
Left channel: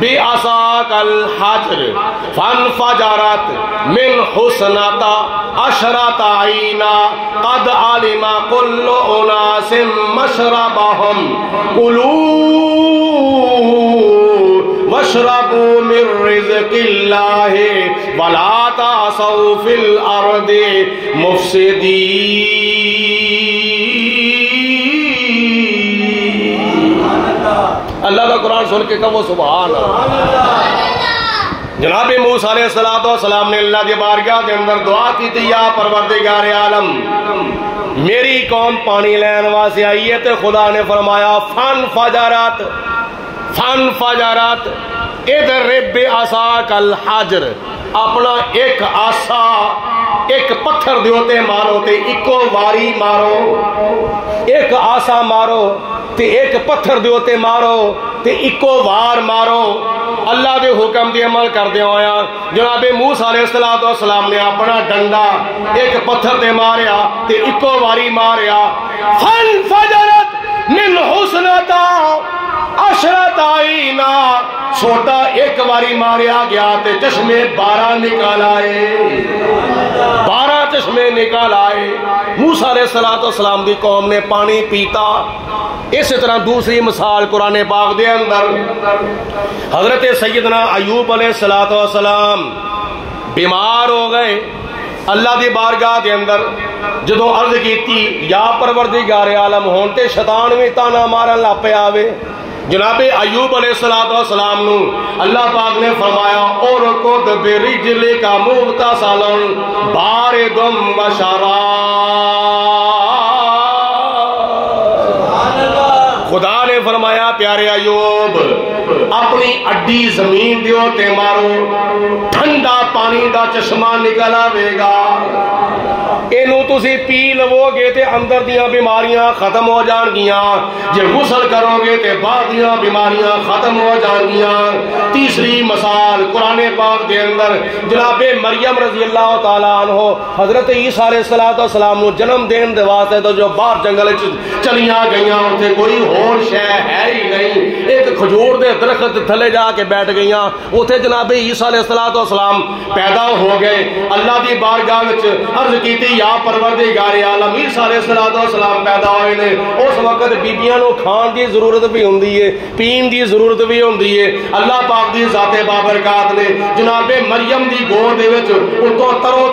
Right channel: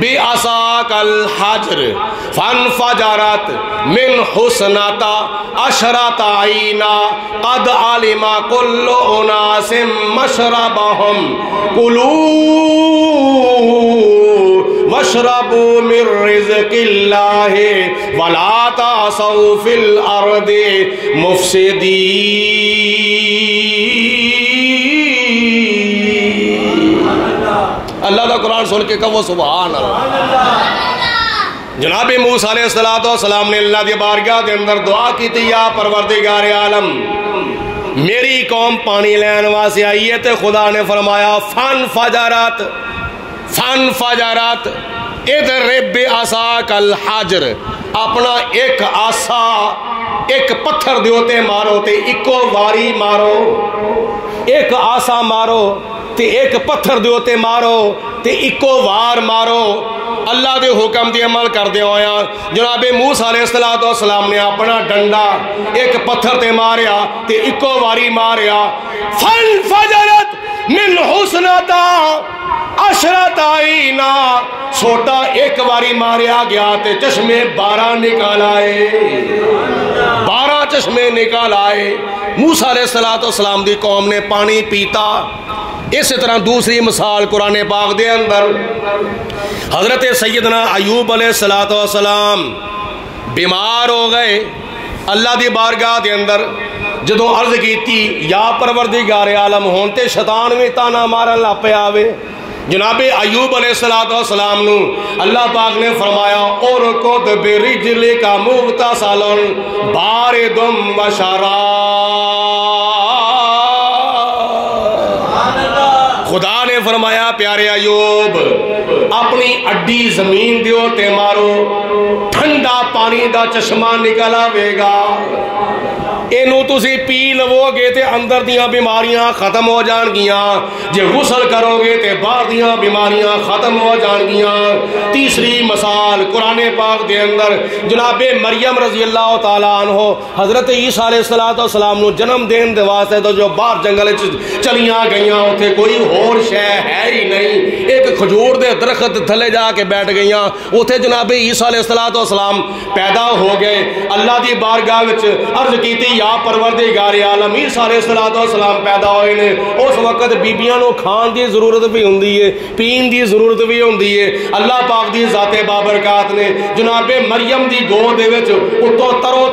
بِعَصَاكَ الْحَجْرَ فَانْفَجَرَتْ مِنْ اثْنَتَا عَشْرَةَ عَيْنًا قَدْ عَلِمَ كُلُّ أُنَاسٍ مَّشْرَبَهُمْ كُلُوا وَاشْرَبُوا مِن رِّزْقِ اللَّهِ وَلَا تَعْثَوْا فِي الْأَرْضِ مُفْسِدِينَ. اللہ کا قرآن سن کے کہو سبحان اللہ. جناب موسیٰ علیہ السلام نے اللہ کی بارگاہ کے اندر دعا کی تھی یا پروردگار عالم میری قوم پانی لین واسطے آئی ہے، تے خدا نے فرمایا فن فجرات اضرب بعصاک الحجر، اپنا ایک آسا ایک پتھر دیوتے مارو تے اکو واری مارو، ایک آسا مارو تے ایک پتھر دیوتے مارو تے اکو وار مارو. اللہ دے حکم دی عمل کر دیا ہویا جناب موسیٰ علیہ السلام نے اپنا ڈنڈا ایک پتھر تے ماریا تے اکو واری ماریا. فَانْفَجَرَتْ مِنْ حُسْنَتَا عَشْرَةَ عَيْنًا، چھوٹا ایک واری ماریا گیا تے چشمے 12 نکال آئے، 12 چشمے نکال آئے. موسیٰ علیہ السلام دی قوم نے پانی پیتا. اس طرح دوسری مثال قرآن پاک دے اندر حضرت سیدنا ایوب علیہ السلام بیمار ہو گئے. اللہ دی بارگاہ دے اندر جدو عرض کیتی یا پروردگار عالم ہون تے شیطان بھی تانا مارن لا پیا آوے. جناب ایوب علیہ السلام نو اللہ پاک نے فرمایا اورکض برجلک مغتسلا بارد وشراب. خدا نے فرمایا پیارے ایوب اپنی اڈی زمین دیو تے مارو، ٹھنڈا پانی دا چشمہ نکل آوے گا. اینو تسی پی لو گے تے اندر دیاں بیماریاں ختم ہو جان گیاں، جے غسل کرو گے تے باہر دیاں بیماریاں ختم ہو جان گیاں. تیسری مثال قرآن پاک دے اندر جناب مریم رضی اللہ تعالیٰ عنہ حضرت عیسیٰ علیہ السلام نو جنم دین دے واسطے تو جو باہر جنگل چلیاں گئیاں اتنے کوئی اور شے ہے ہی نہیں، ایک کھجور دے درخت تھلے جا کے بیٹھ گئیاں. اتنے جناب عیسیٰ علیہ السلام پیدا ہو گئے. اللہ دی بارگاہ وچ عرض کیتی یا پروردگار عالم عیسیٰ علیہ السلام پیدا ہوئے نے. اس وقت بیبیاں نو کھان دی ضرورت بھی ہوندی ہے، پین دی ضرورت بھی ہوندی ہے. اللہ پاک دی ذات بابرکات نے جناب مریم دی گود دے وچ اتوں ترو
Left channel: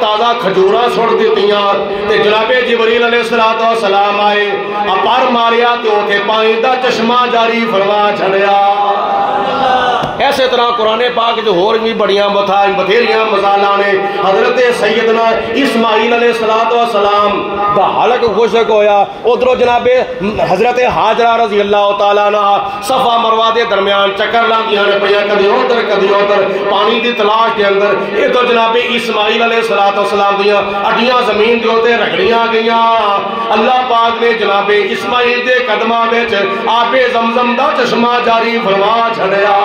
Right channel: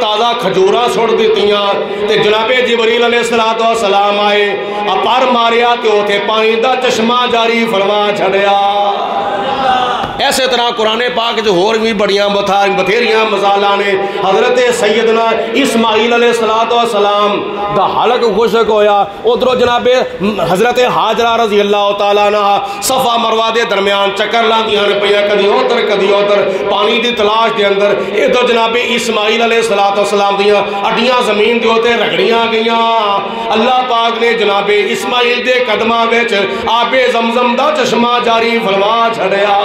تازہ کھجوراں سٹ دتیاں تے جناب جبریل علیہ السلام آئے اپر ماریا تے اوتھے پانی دا چشمہ جاری فرما چھڑیا. ایسے طرح قرآن پاک جو اور بھی بڑیاں بتھیریاں مثالاں نے. حضرت سیدنا اسماعیل علیہ السلام دا حلق خشک ہویا، ادھروں جناب حضرت حاجرہ رضی اللہ تعالیٰ عنہ صفا مروہ دے درمیان چکر لاندیاں نے پیا، کدی ادھر پانی دی تلاش دے اندر. یہ تو جناب اسماعیل علیہ السلام دیاں اڈیاں زمین دے اوتے رگڑیاں گئیاں. اللہ پاک نے جناب اسماعیل دے قدماں وچ آب زمزم دا چشمہ جاری فرما چھڑیا.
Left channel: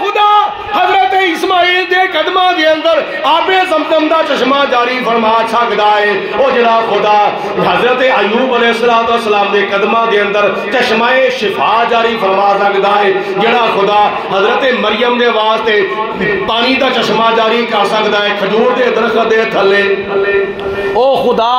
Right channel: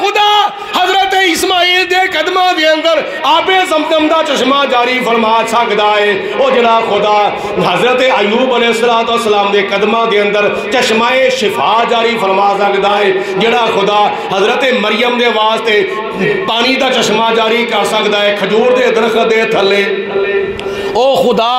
خدا حضرت اسماعیل دے قدماں دے اندر آب زمزم دا چشمہ جاری فرما سکدا ہے. او جڑا خدا حضرت ایوب علیہ السلام دے قدماں دے اندر چشمہ شفا جاری فرما سکدا ہے. جڑا خدا حضرت مریم دے واسطے پانی دا چشمہ جاری کر سکدا ہے کھجور دے درخت دے تھلے. او خدا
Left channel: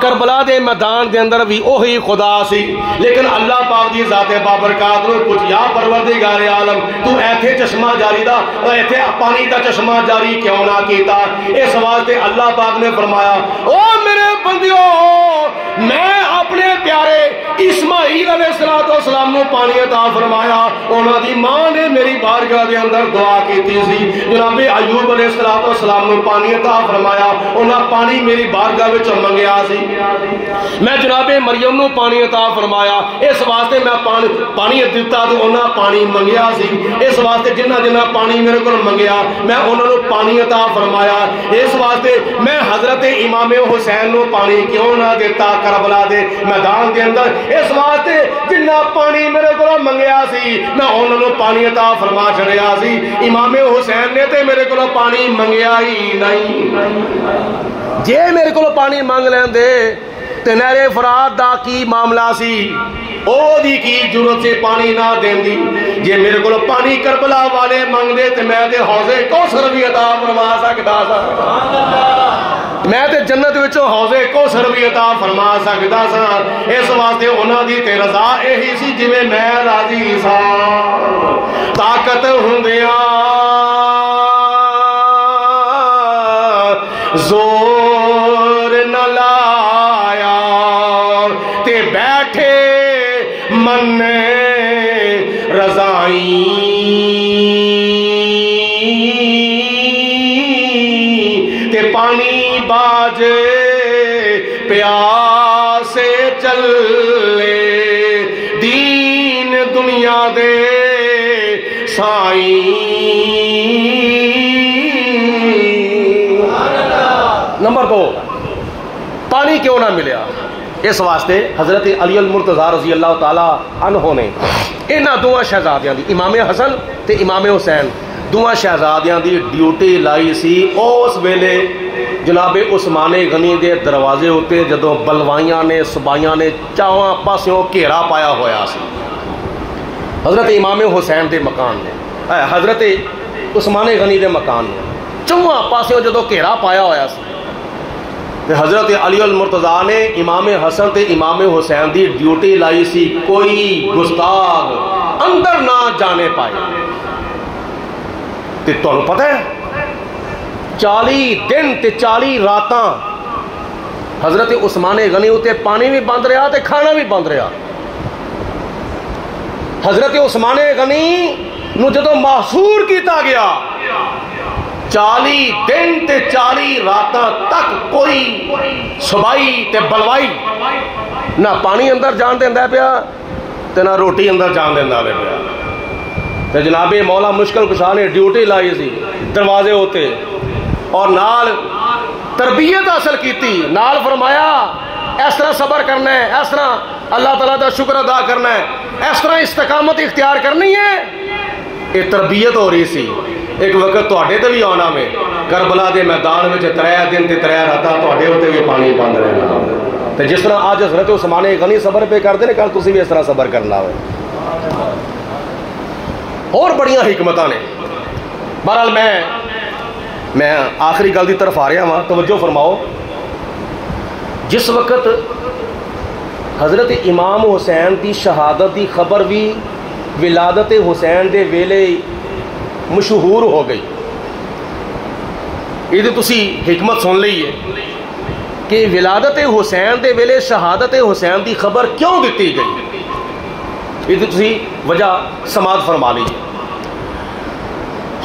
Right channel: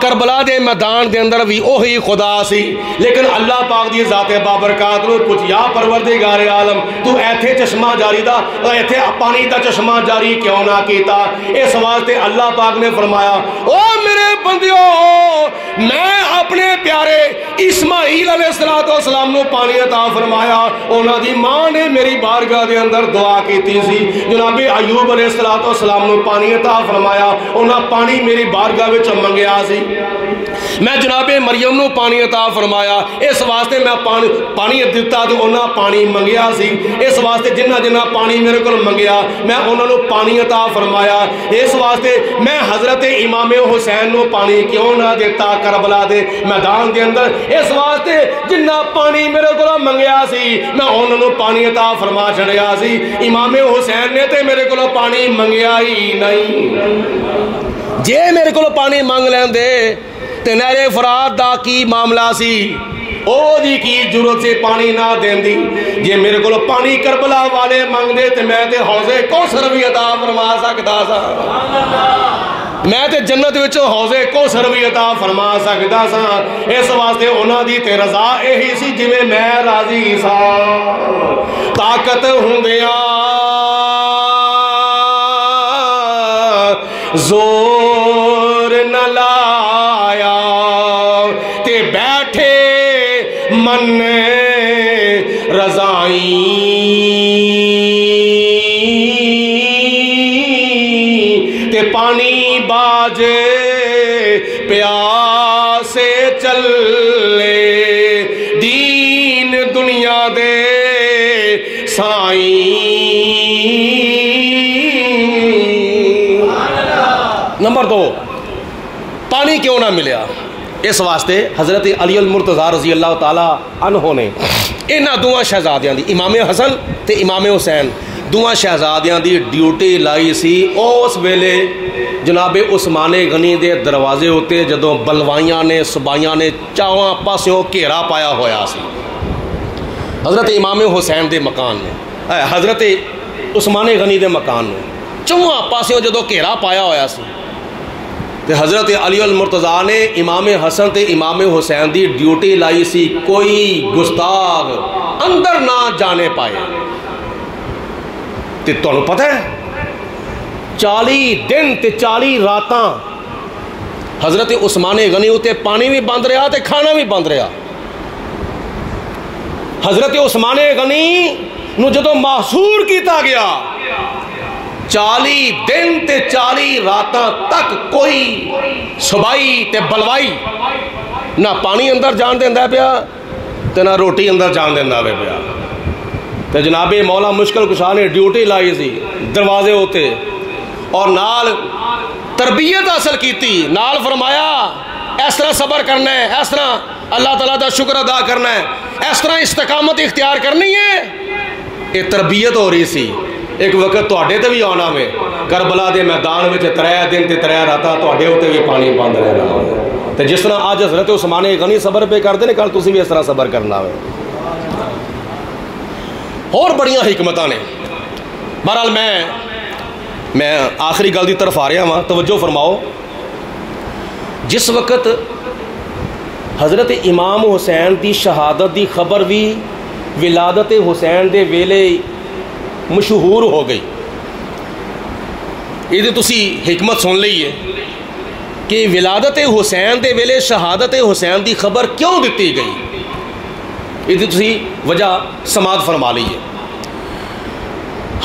کربلا دے میدان دے اندر بھی اوہی خدا سی. لیکن اللہ پاک دی ذات بابرکات نو پوچھ یا پروردگار عالم تو ایتھے چشمہ جاری دا ایتھے پانی دا چشمہ جاری کیوں نہ کیتا؟ اس واسطے اللہ پاک نے فرمایا او میرے بندیو میں اپنے پیارے اسماعیل علیہ السلام نو پانی عطا فرمایا، انہاں دی ماں نے میری بارگاہ دے اندر دعا کیتی سی۔ جناب ایوب علیہ السلام نو پانی عطا فرمایا، انہاں پانی میری بارگاہ وچ منگیا سی۔ میں جناب مریم نو پانی عطا فرمایا، اس واسطے میں پانی دیتا تو انہاں پانی منگیا سی، اس واسطے جنہ جنہ پانی میرے کو منگیا میں انہوں نے پانی عطا فرمایا۔ اس واسطے میں حضرت امام حسین نو پانی کیوں نہ دیتا کربلا دے میدان دے اندر، اس واسطے جنہ پانی میرے کو منگیا سی میں انہوں نے پانی عطا فرما چھڑیا سی۔ امام حسین نے تے میرے کو پانی منگیا ہی نہیں، جے میرے کو پانی مانگ لین دے تے نہر فرات دا کی معاملہ سی، او دی کی ضرورت سے پانی نہ دین دی۔ جے میرے کو پانی کربلا والے مانگ دے تے میں تے حوض کوثر بھی عطا فرما سکتا سا، میں تے جنت وچوں حوض کوثر بھی عطا فرما سکتا سا۔ اس واسطے انہاں دی تے رضا یہی سی جویں میں راضی سا۔ طاقت ہوندیاں زور نہ لایا تے بیٹھے من رضائی، تے پانی باجے پیاسے چلے دین دنیا دے سائیں۔ نمبر 2، پانی کیوں نہ ملیا؟ اس واسطے حضرت علی المرتضیٰ رضی اللہ تعالیٰ عنہ نے انہاں دوہاں شہزادیاں دی، امام حسن تے امام حسین دوہاں شہزادیاں دی ڈیوٹی لائی سی اس ویلے جناب عثمان غنی دے دروازے ہوتے جدوں بلوائیاں نے صبائیاں نے چاواں پاسوں گھیرا پایا ہویا سی حضرت امام حسین دے مکان نے، حضرت عثمان غنی دے مکان نے چواں پاسوں جدوں گھیرا پایا ہویا سی تے حضرت علی المرتضیٰ نے امام حسن تے امام حسین دی ڈیوٹی لائی سی کوئی گستاخ اندر نہ جانے پائے۔ تے تانوں پتہ ہے 40 دن تے 40 راتاں حضرت عثمان غنی تے پانی بھی بند رہا تے کھانا بھی بند رہا۔ حضرت عثمان غنی نو جدوں محصور کیتا گیا 40 دن تے 40 راتاں تک کوئی صبائی تے بلوائی نہ پانی اندر جان دیندا پیا تے نہ روٹی اندر جان دیندا پیا۔ تے جناب مولا مشکل کشا نے ڈیوٹی لائی سی دروازے ہوتے اور نال تربیت حاصل کیتی، نال فرمایا اس طرح صبر کرنا ہے، اس طرح اللہ تعالیٰ دا شکر ادا کرنا ہے، اس طرح استقامت اختیار کرنی ہے۔ یہ تربیت ہو رہی سی۔ ایک وقت تواڈے تے بھی آنا میں کربلا دے میدان وچ 3 دن تے 3 راتاں تواڈے ہوتے بھی پانی بند رہنا تے جس طرح اج حضرت عثمان غنی صبر پہ کردے نے کل تسی بھی اس طرح صبر کرنا ہو۔ اور بڑیاں حکمتاں نے۔ بہرحال میں آخری گل دی طرف آ رہا ہاں، توجہ فرماؤ۔ جس وقت حضرت امام حسین دی شہادت دی خبر بھی ولادت حسین دے ویلے مشہور ہو گئی، یہ تسی حکمت سن لئیے کہ ولادت حسین دے ویلے شہادت حسین دی خبر کیوں دیتی گئی، یہ تسی وجہ سماعت فرما لیجیے۔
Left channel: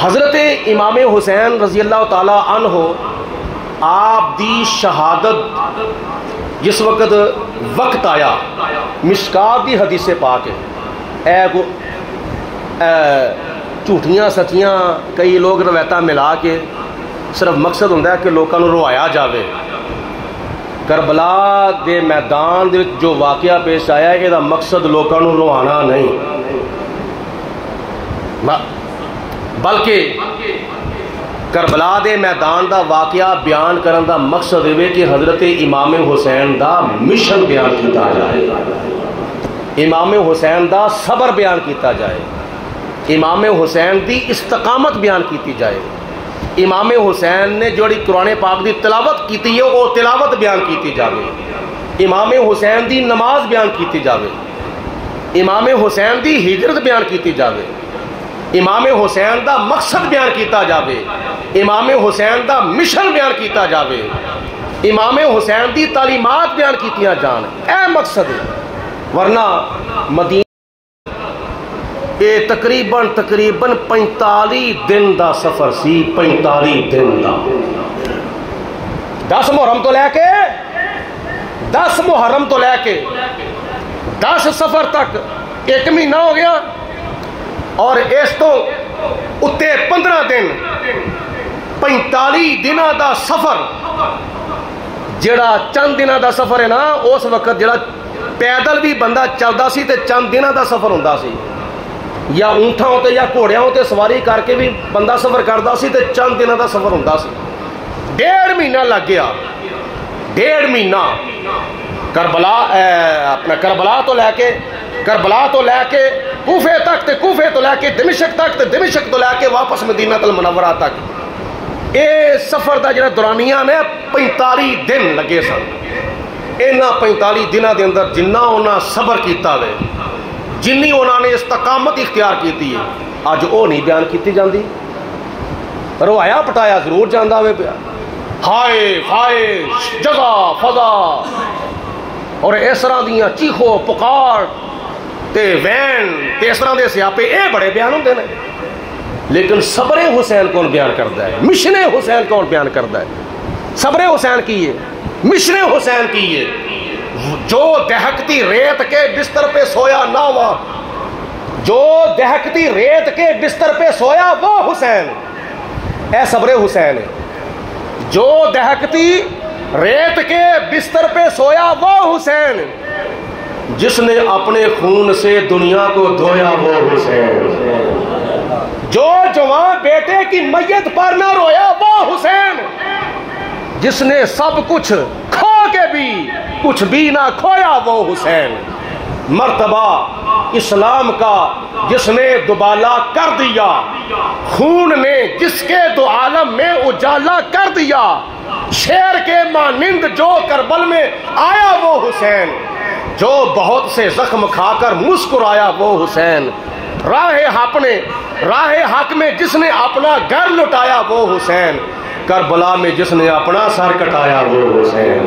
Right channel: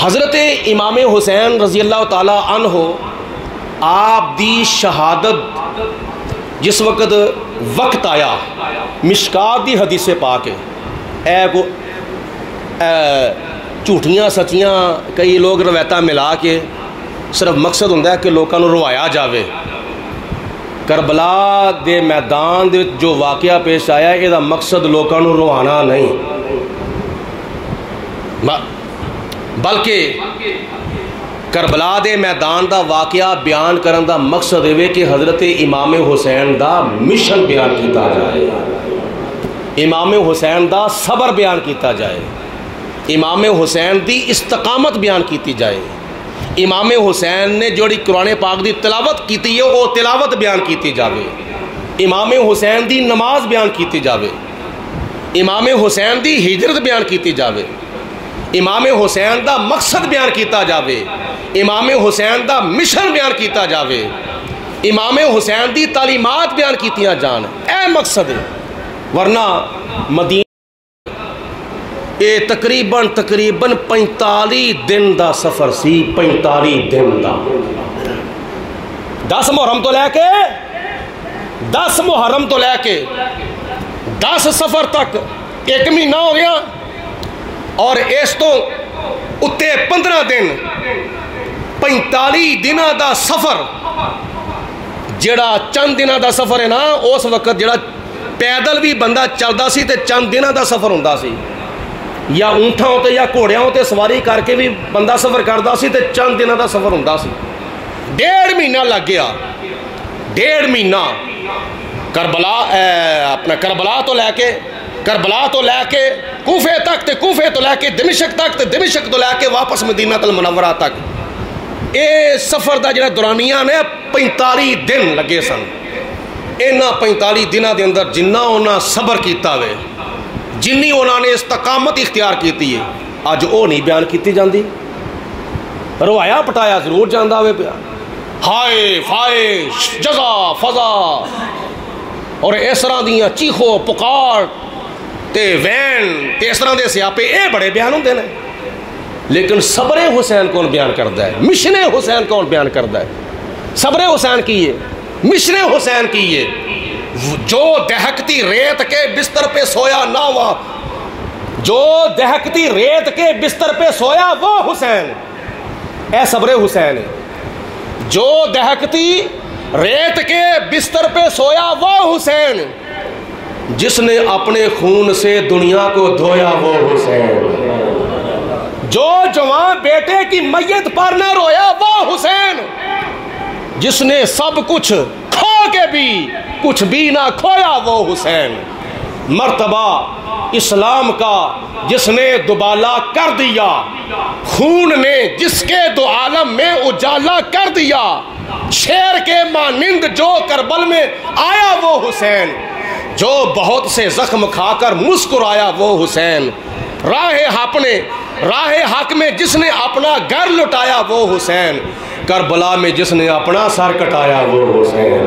حضرت امام حسین رضی اللہ تعالی عنہ آپ دی شہادت جس وقت آیا، مشکات دی حدیث پاک ہے، جھوٹیاں سچیاں کئی لوگ روایتاں ملا کے صرف مقصد ہوتا ہے کہ لوگوں کو روایا جاوے۔ کربلا دے میدان دے جو واقعہ پیش آیا یہ مقصد لوگوں کو روانا نہیں، بلکہ کربلا دے میدان دا واقعہ بیان کرن دا مقصد ہے کہ حضرت امام حسین دا مشن بیان کیتا جائے، امام حسین دا صبر بیان کیتا جائے، امام حسین دی استقامت بیان کیتی جائے، امام حسین نے جوڑی قرآن پاک دی تلاوت کیتی ہے وہ تلاوت بیان کیتی جاوے، امام حسین دی نماز بیان کیتی جاوے، امام حسین دی ہجرت بیان کیتی جاوے، امام حسین دا مقصد بیان کیتا جاوے، امام حسین دا مشن بیان کیتا جاوے۔ امام حسین دی تعلیمات بیان کیتیاں جان، اے مقصد ہے۔ ورنہ مدینہ یہ تقریباً 45 دن دا سفر سی، 45 دن دا۔ 10 محرم تو لے کے 10 محرم تو لے کے 10 سفر تک 1 مہینہ ہو گیا، اور اس تو اتے 15 دن 45 دنوں دا سفر، جڑا چند دنوں دا سفر ہے نا، اس وقت جڑا پیدل بھی بندہ چلدا سی تے چند دنوں دا سفر ہوندا سی، یا اونٹاں تے یا گھوڑیاں تے سواری کر کے بھی بندہ سفر کردا سی تے چند دنوں دا سفر ہوندا سی۔ 1.5 مہینہ لگ گیا، 1.5 مہینہ کربلا تو لے کے کوفے تک، تے کوفے تو لے کے دمشق تک، تے دمشق تو لے کے واپس مدینہ المنورہ تک۔ اے سفر دا جڑا دورانیہ نے 45 دن لگے سن۔ انہاں 45 دنوں دے اندر جنہ انہاں صبر کیتا وے، جنی انہاں نے استقامت اختیار کیتی ہے، اج او نہیں بیان کیتی جاندی۔ روایا پٹایا ضرور جاندا ہوئے پیا، ہائے فائے جزا فضا اور اس طرح دیاں چیخو پکار تے وین تے اس طرح دے سیاپے، اے بڑے بیان ہوندے نے، لیکن صبر حسین کون بیان کردا ہے؟ مشن حسین کون بیان کردا ہے؟ صبر حسین کی ہے، مشن حسین کی ہے۔ جو دہکتی ریت کے بستر پہ سویا نہ ہوا، جو دہکتی ریت کے بستر پہ سویا وہ حسین، اے صبر حسین ہے۔ جو دہکتی ریت کے بستر پہ سویا وہ حسین، جس نے اپنے خون سے دنیا کو دھویا وہ حسین، جو جوان بیٹے کی میت پر نہ رویا وہ حسین، جس نے سب کچھ کھا کے بھی کچھ بھی نہ کھویا وہ حسین، مرتبہ اسلام کا جس نے دوبالا کر دیا، خون نے جس کے دو عالم میں اجالا کر دیا، شیر کے مانند جو کربل میں آیا وہ حسین، جو بہت سے زخم کھا کر مسکرایا وہ حسین، راہ حق میں جس نے اپنا گھر لٹایا وہ حسین، کربلا میں جس نے اپنا سر کٹایا وہ حسین۔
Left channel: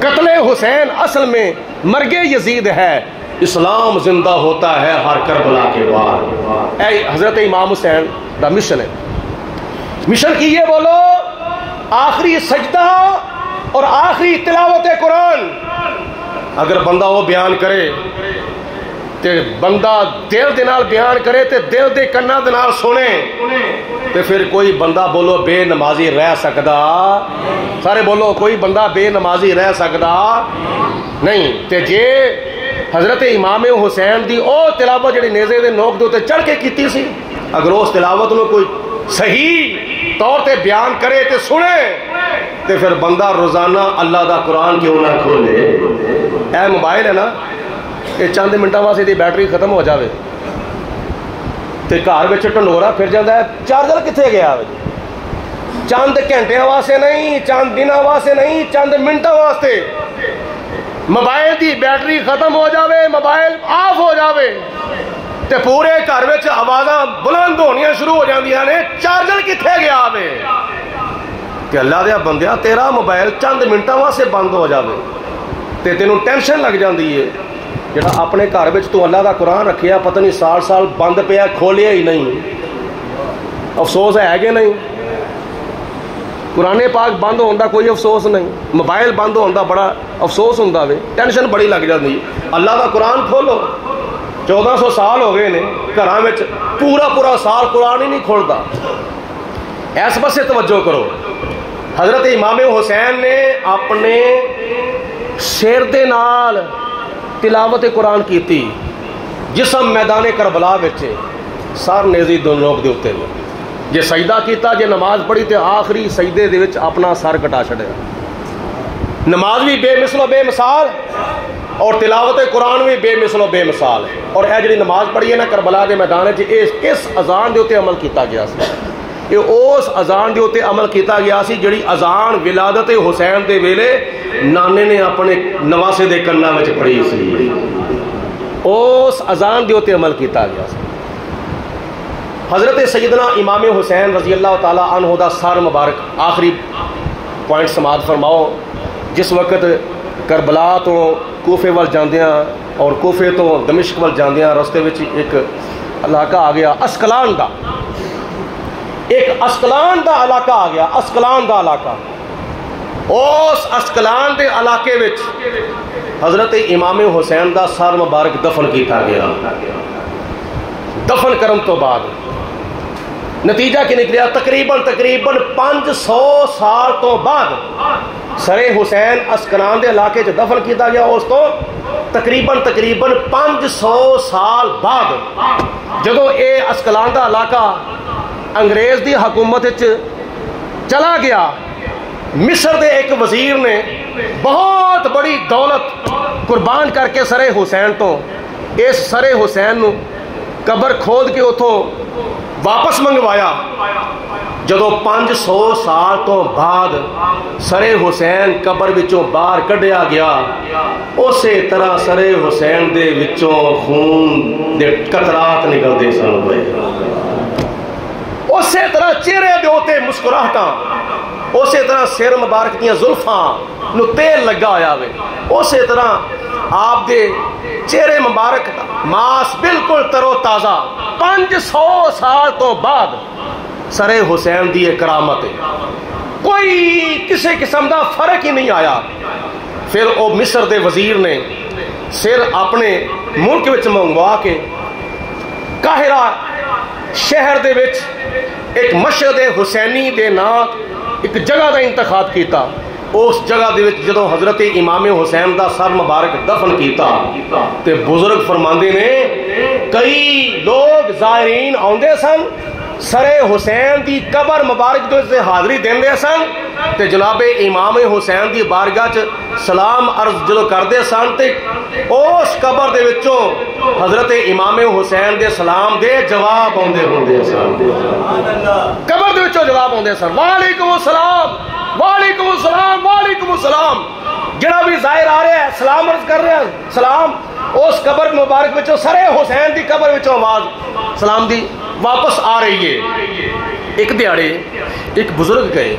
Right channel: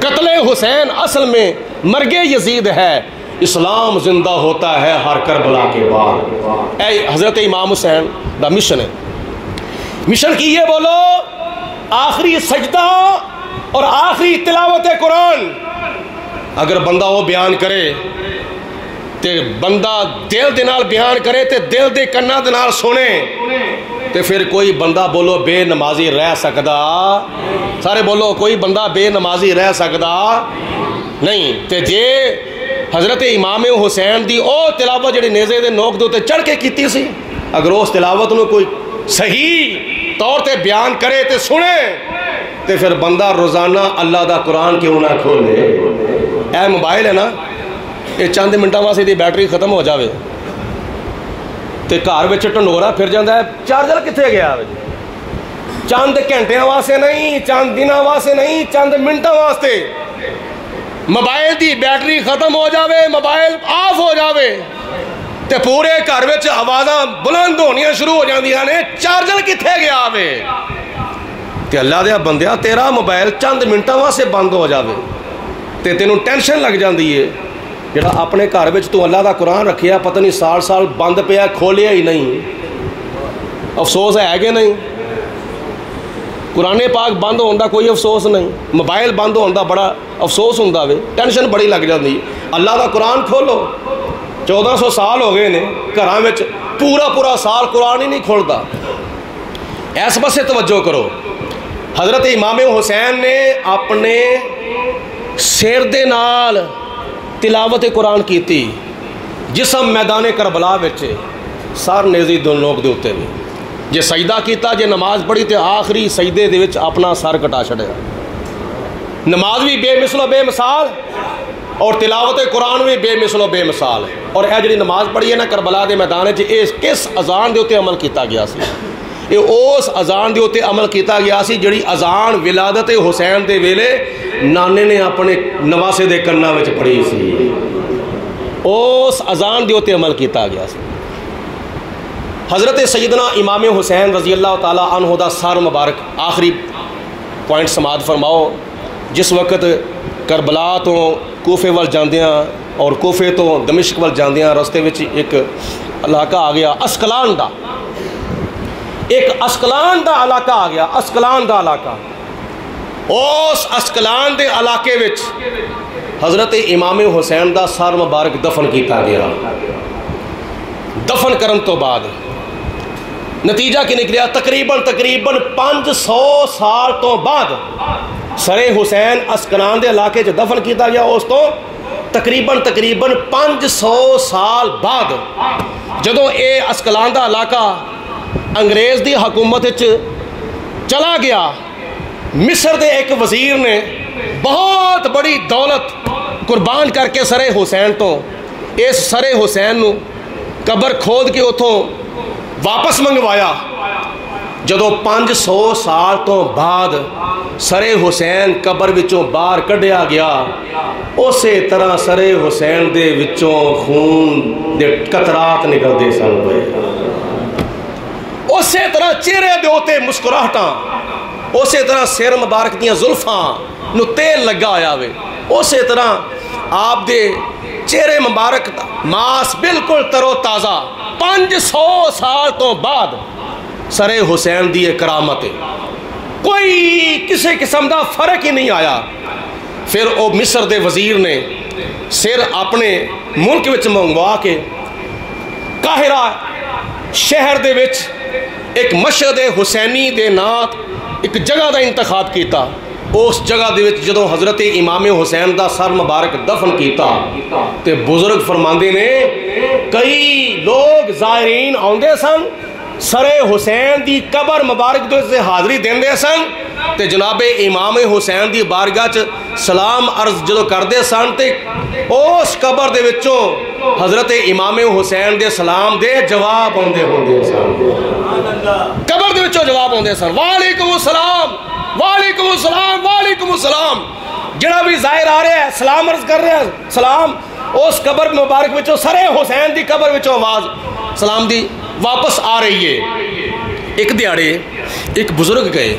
قتل حسین اصل میں مرگ یزید ہے، اسلام زندہ ہوتا ہے ہر کربلا کے بعد۔ اے حضرت امام حسین دا مشن ہے، مشن کی یہ بولو، آخری سجدہ اور آخری تلاوت قرآن اگر بندہ وہ بیان کرے تے بندہ دل دے نال بیان کرے تے دل دے کنا دے نال سنے تے پھر کوئی بندہ بولو بے نمازی رہ سکدا، سارے بولو کوئی بندہ بے نمازی رہ سکدا نہیں۔ تے جے حضرت امام حسین دی او تلاوت جڑی نیزے دے نوک دے تے چڑھ کے کیتی سی، اگر اس تلاوت میں کوئی صحیح طور تے بیان کرے تے سنے تے پھر بندہ روزانہ اللہ دا قرآن کیوں نہ کھولے۔ اے موبائل ہے نا، یہ چند منٹاں واسطے دی بیٹری ختم ہو جاوے تے گھر وچ ٹنڈورا پھر جاندا ہے چارجر کتنے گیا، چند گھنٹیاں واسطے نہیں، چند دنوں واسطے نہیں، چند منٹاں واسطے موبائل دی بیٹری ختم ہو جاوے، موبائل آف ہو جاوے تے پورے گھر وچ آوازاں بلند ہونیاں شروع ہو جاندیاں نے، چارجر کتنے گیا وے؟ تے اللہ دے بندیا تیرا موبائل چند منٹاں واسطے بند ہو جاوے تے تینوں ٹینشن لگ جاندی ہے، جڑا اپنے گھر وچ تو اللہ دا قرآن رکھیا پتہ نہیں سال بند پیا کھولیا ہی نہیں، افسوس ہے کہ نہیں؟ قرآن پاک بند ہونے دا کوئی افسوس نہیں، موبائل بند ہونے دا بڑا افسوس ہوندا وے، ٹینشن بڑی لگ جاندی۔ اللہ دا قرآن کھولو، 1400 سال ہو گئے نے گھراں وچ پورا سال قرآن ہی نہیں کھولدا۔ اس پاسے توجہ کرو، حضرت امام حسین نے اپنے سر دے نال تلاوت قرآن کیتی، جسم میدان کربلا وچ سر نیزی دو نوک دے اتے میں، جے سجدہ کیتا، جے نماز پڑھی تے آخری سجدے دے وچ اپنا سر کٹا چھڑیا۔ نماز بھی بے مثل و بے مثال اور تلاوت قرآن بھی بے مثل و بے مثال، اور اے جڑی نماز پڑھی ہے نا کربلا دے میدان وچ، کس اذان دے اوتے عمل کیتا گیا سی؟ یہ اس اذان دے اوتے عمل کیتا گیا سی جڑی اذان ولادت حسین دے ویلے نانے نے اپنے نواسے دے کناں وچ پڑھی سی، اس اذان دے اوتے عمل کیتا گیا سی۔ حضرت سیدنا امام حسین رضی اللہ تعالی عنہ دا سر مبارک، آخری پوائنٹ سماعت فرماؤ، جس وقت کربلا تو کوفے وال جاندیاں اور کوفے تو دمشق وال جاندیاں رستے وچ ایک علاقہ آ گیا اسکلان دا، ایک اسکلان دا علاقہ آ گیا، اسکلان دا علاقہ۔ اس اسکلان دے علاقے وچ حضرت امام حسین دا سر مبارک دفن کیتا گیا۔ دفن کرن تو بعد نتیجہ کی نکلیا تقریباً 500 سال تو بعد سر حسین اسکلان دے علاقے چ دفن کیتا گیا۔ اس تو تقریباً 500 سال بعد جدوں اے اسکلان دا علاقہ انگریز دی حکومت چلا گیا، مصر دے ایک وزیر نے بہت بڑی دولت قربان کر کے سر حسین تو اس سر حسین نو قبر کھود کے اتوں واپس منگوایا۔ جدو 500 سال تو بعد سر حسین قبر وچوں باہر کڈیا گیا، اسی طرح سر حسین دے وچوں خون دے قطرات نکلتے سن، اسی طرح چہرے دے اوتے مسکراہٹاں، اسی طرح سر مبارک دیاں زلفاں نو تیل لگا ہویا وے، اسی طرح آپ دے چہرے مبارک ماس بالکل ترو تازہ۔ 500 سال تو بعد سر حسین دی کرامت کوئی کسی قسم دا فرق ہی نہیں آیا۔ پھر او مصر دے وزیر نے سر اپنے ملک وچ منگوا کے قاہرہ شہر دے وچ ایک مشہد حسینی دے نام ایک جگہ دا انتخاب کیتا۔ اس جگہ دے وچ جدوں حضرت امام حسین دا سر مبارک دفن کیتا تے بزرگ فرماندے نے کئی لوگ زائرین آندے سن، سر حسین دی قبر مبارک دے سے حاضری دیندے سن تے جناب امام حسین دی بارگاہ چ سلام عرض جدوں کردے سن تے اس قبر دے وچوں حضرت امام حسین دے سلام دے جواب آندے ہوندے سن، قبر دے وچوں جواب آندے سن، وعلیکم السلام وعلیکم السلام وعلیکم السلام۔ جڑا بھی ظاہر آ رہا ہے سلام عرض کر رہا ہے، سلام اس قبر مبارک وچوں سر حسین دی قبر وچوں آواز سلام دی واپس آ رہی ہے۔ ایک دیہڑے ایک بزرگ گئے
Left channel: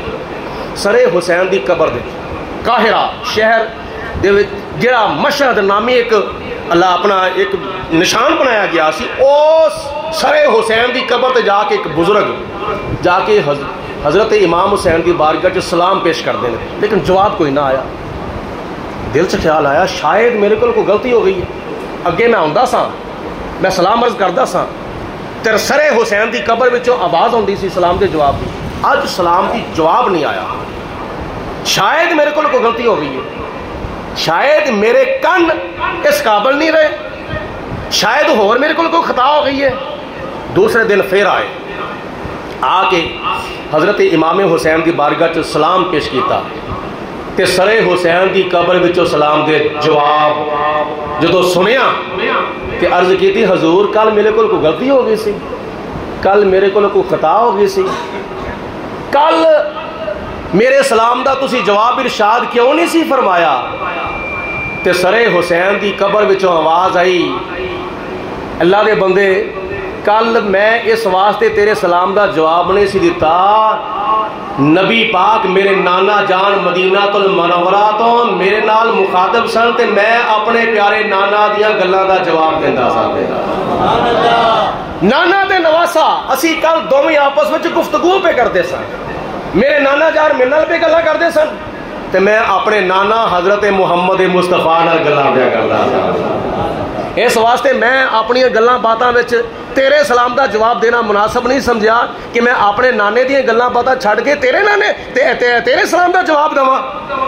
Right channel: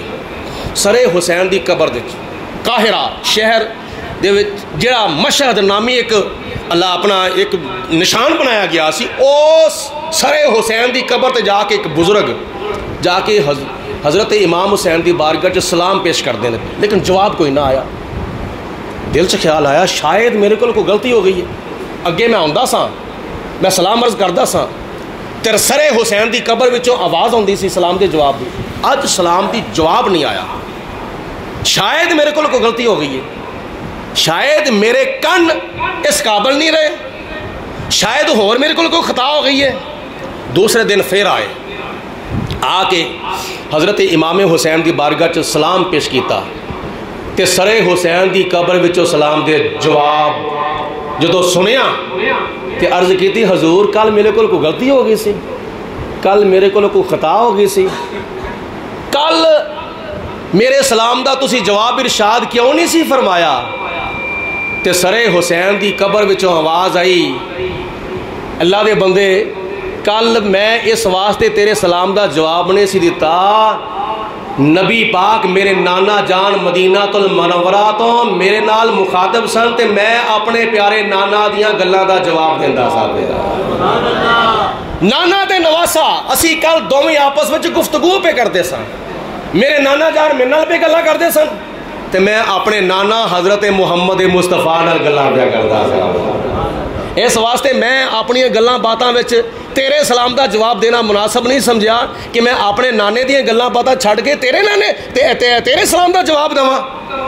سر حسین دی قبر دے قاہرہ شہر دے وچ جڑا مشہد نامی ایک اللہ اپنا ایک نشان بنایا گیا سی، اس سر حسین دی قبر تے جا کے ایک بزرگ جا کے حضرت امام حسین دی بارگاہ چ سلام پیش کر دیں، لیکن جواب کوئی نہ آیا۔ دل چ خیال آیا شاید میرے کو کوئی غلطی ہو گئی ہے، اگے میں آندا سا میں سلام عرض کردا سا تے سر حسین دی قبر وچوں آواز آندی سی سلام دے جواب دی، اج سلام دی جواب نہیں آیا، شاید میرے کو کوئی غلطی ہو گئی ہے، شاید میرے کن اس قابل نہیں رہے، شاید ہور میرے کو کوئی خطا ہو گئی ہے۔ دوسرے دن پھر آئے، آ کے حضرت امام حسین دی بارگاہ چ سلام پیش کیتا تے سر حسین دی قبر وچوں سلام دے جواب جدو سنیا تے عرض کیتی حضور کل میرے کو کوئی غلطی ہو گئی سی، کل میرے کو کوئی خطا ہو گئی سی، کل میرے سلام دا تسی جواب ارشاد کیوں نہیں سی فرمایا؟ تے سر حسین دی قبر وچوں آواز آئی اللہ دے بندے کل میں اس واسطے تیرے سلام دا جواب نہیں سی دیتا، نبی پاک میرے نانا جان مدینہ المنورہ تو میرے نال مخاطب سن تے میں اپنے پیارے نانا دیاں گلاں دا جواب دیندا سا۔ نانا دے نواسا اسی کل دوویں آپس وچ گفتگو پہ کرتے سن، میرے نانا جان میرے نال پہ گلاں کرتے سن تے میں اپنے نانا حضرت محمد مصطفیٰ نال گلاں پہ کردا سا۔ اس واسطے میں اپنی گلاں باتاں وچ تیرے سلام دا جواب دینا مناسب نہیں سمجھا کہ میں اپنے نانے دیاں گلاں باتاں چھڑ کے تیرے نانے تیرے سلام دا جواب دواں،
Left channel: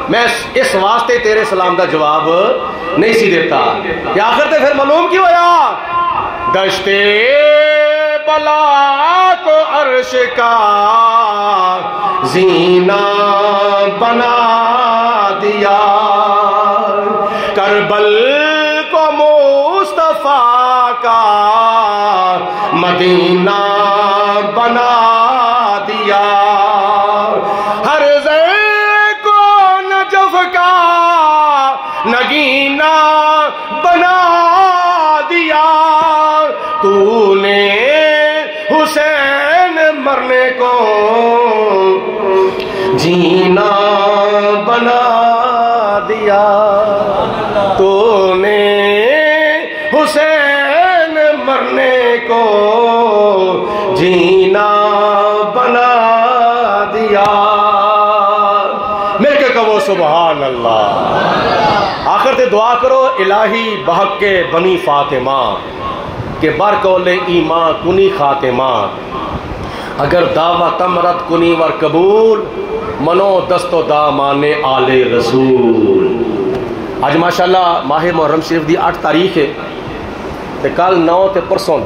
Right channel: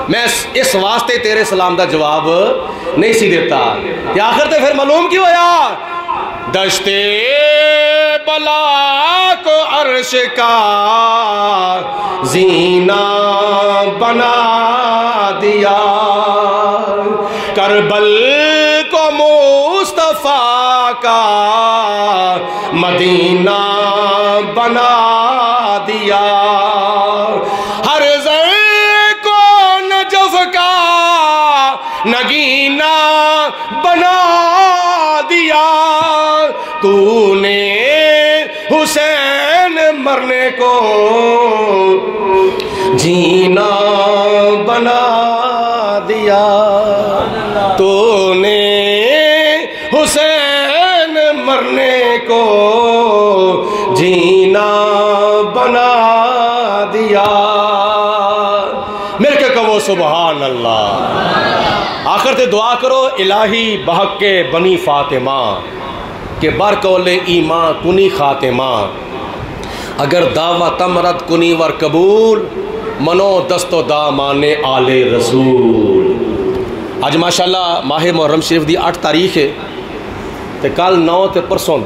میں اس واسطے تیرے سلام دا جواب نہیں سی دیتا۔ کہ آخر تے پھر معلوم کی ہویا دشتے بلا کو عرش کا زینہ بنا دیا، کربل کو مصطفیٰ کا مدینہ بنا دیا، ہر زر کو نجف کا نگینہ بنا دیا، تو نے حسین مرنے کو جینا بنا سبحان اللہ۔ آخر تے دعا کرو الہی بحق کے بنی فاطمہ کہ برکول ایمان کنی خاتمہ، اگر دعویٰ تمرد کنی ور قبول منو دست و دامان آل رسول۔ آج ماشاءاللہ ماہ محرم شریف دی 8 تاریخ ہے تے کل 9 تے پرسوں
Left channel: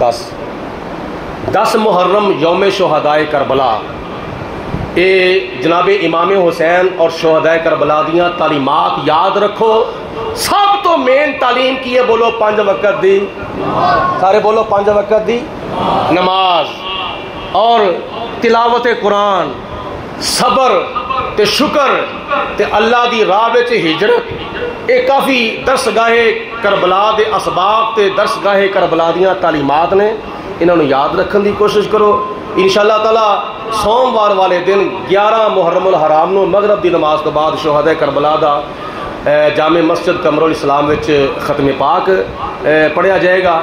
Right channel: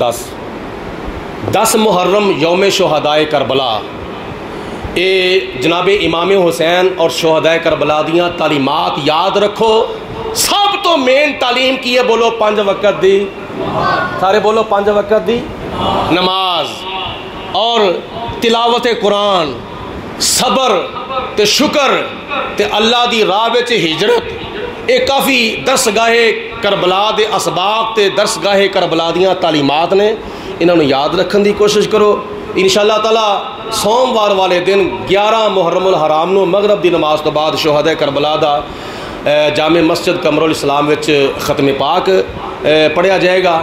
10 محرم یوم شہدائے کربلا۔ اے جناب امام حسین اور شہدائے کربلا دیاں تعلیمات یاد رکھو۔ سب تو مین تعلیم کی ہے، بولو 5 وقت دی، سارے بولو 5 وقت دی نماز اور تلاوت قرآن، صبر تے شکر تے اللہ دی راہ وچ ہجرت۔ یہ کافی درسگاہ کربلا دے اسباب تے درسگاہ کربلا دیاں تعلیمات نے، انہوں نے یاد رکھن دی کوشش کرو۔ انشاءاللہ تعالی سوموار والے دن 11 محرم الحرام نو مغرب دی نماز تو بعد شہدائے کربلا دا جامع مسجد قمر الاسلام وچ ختم پاک پڑھیا جائے گا۔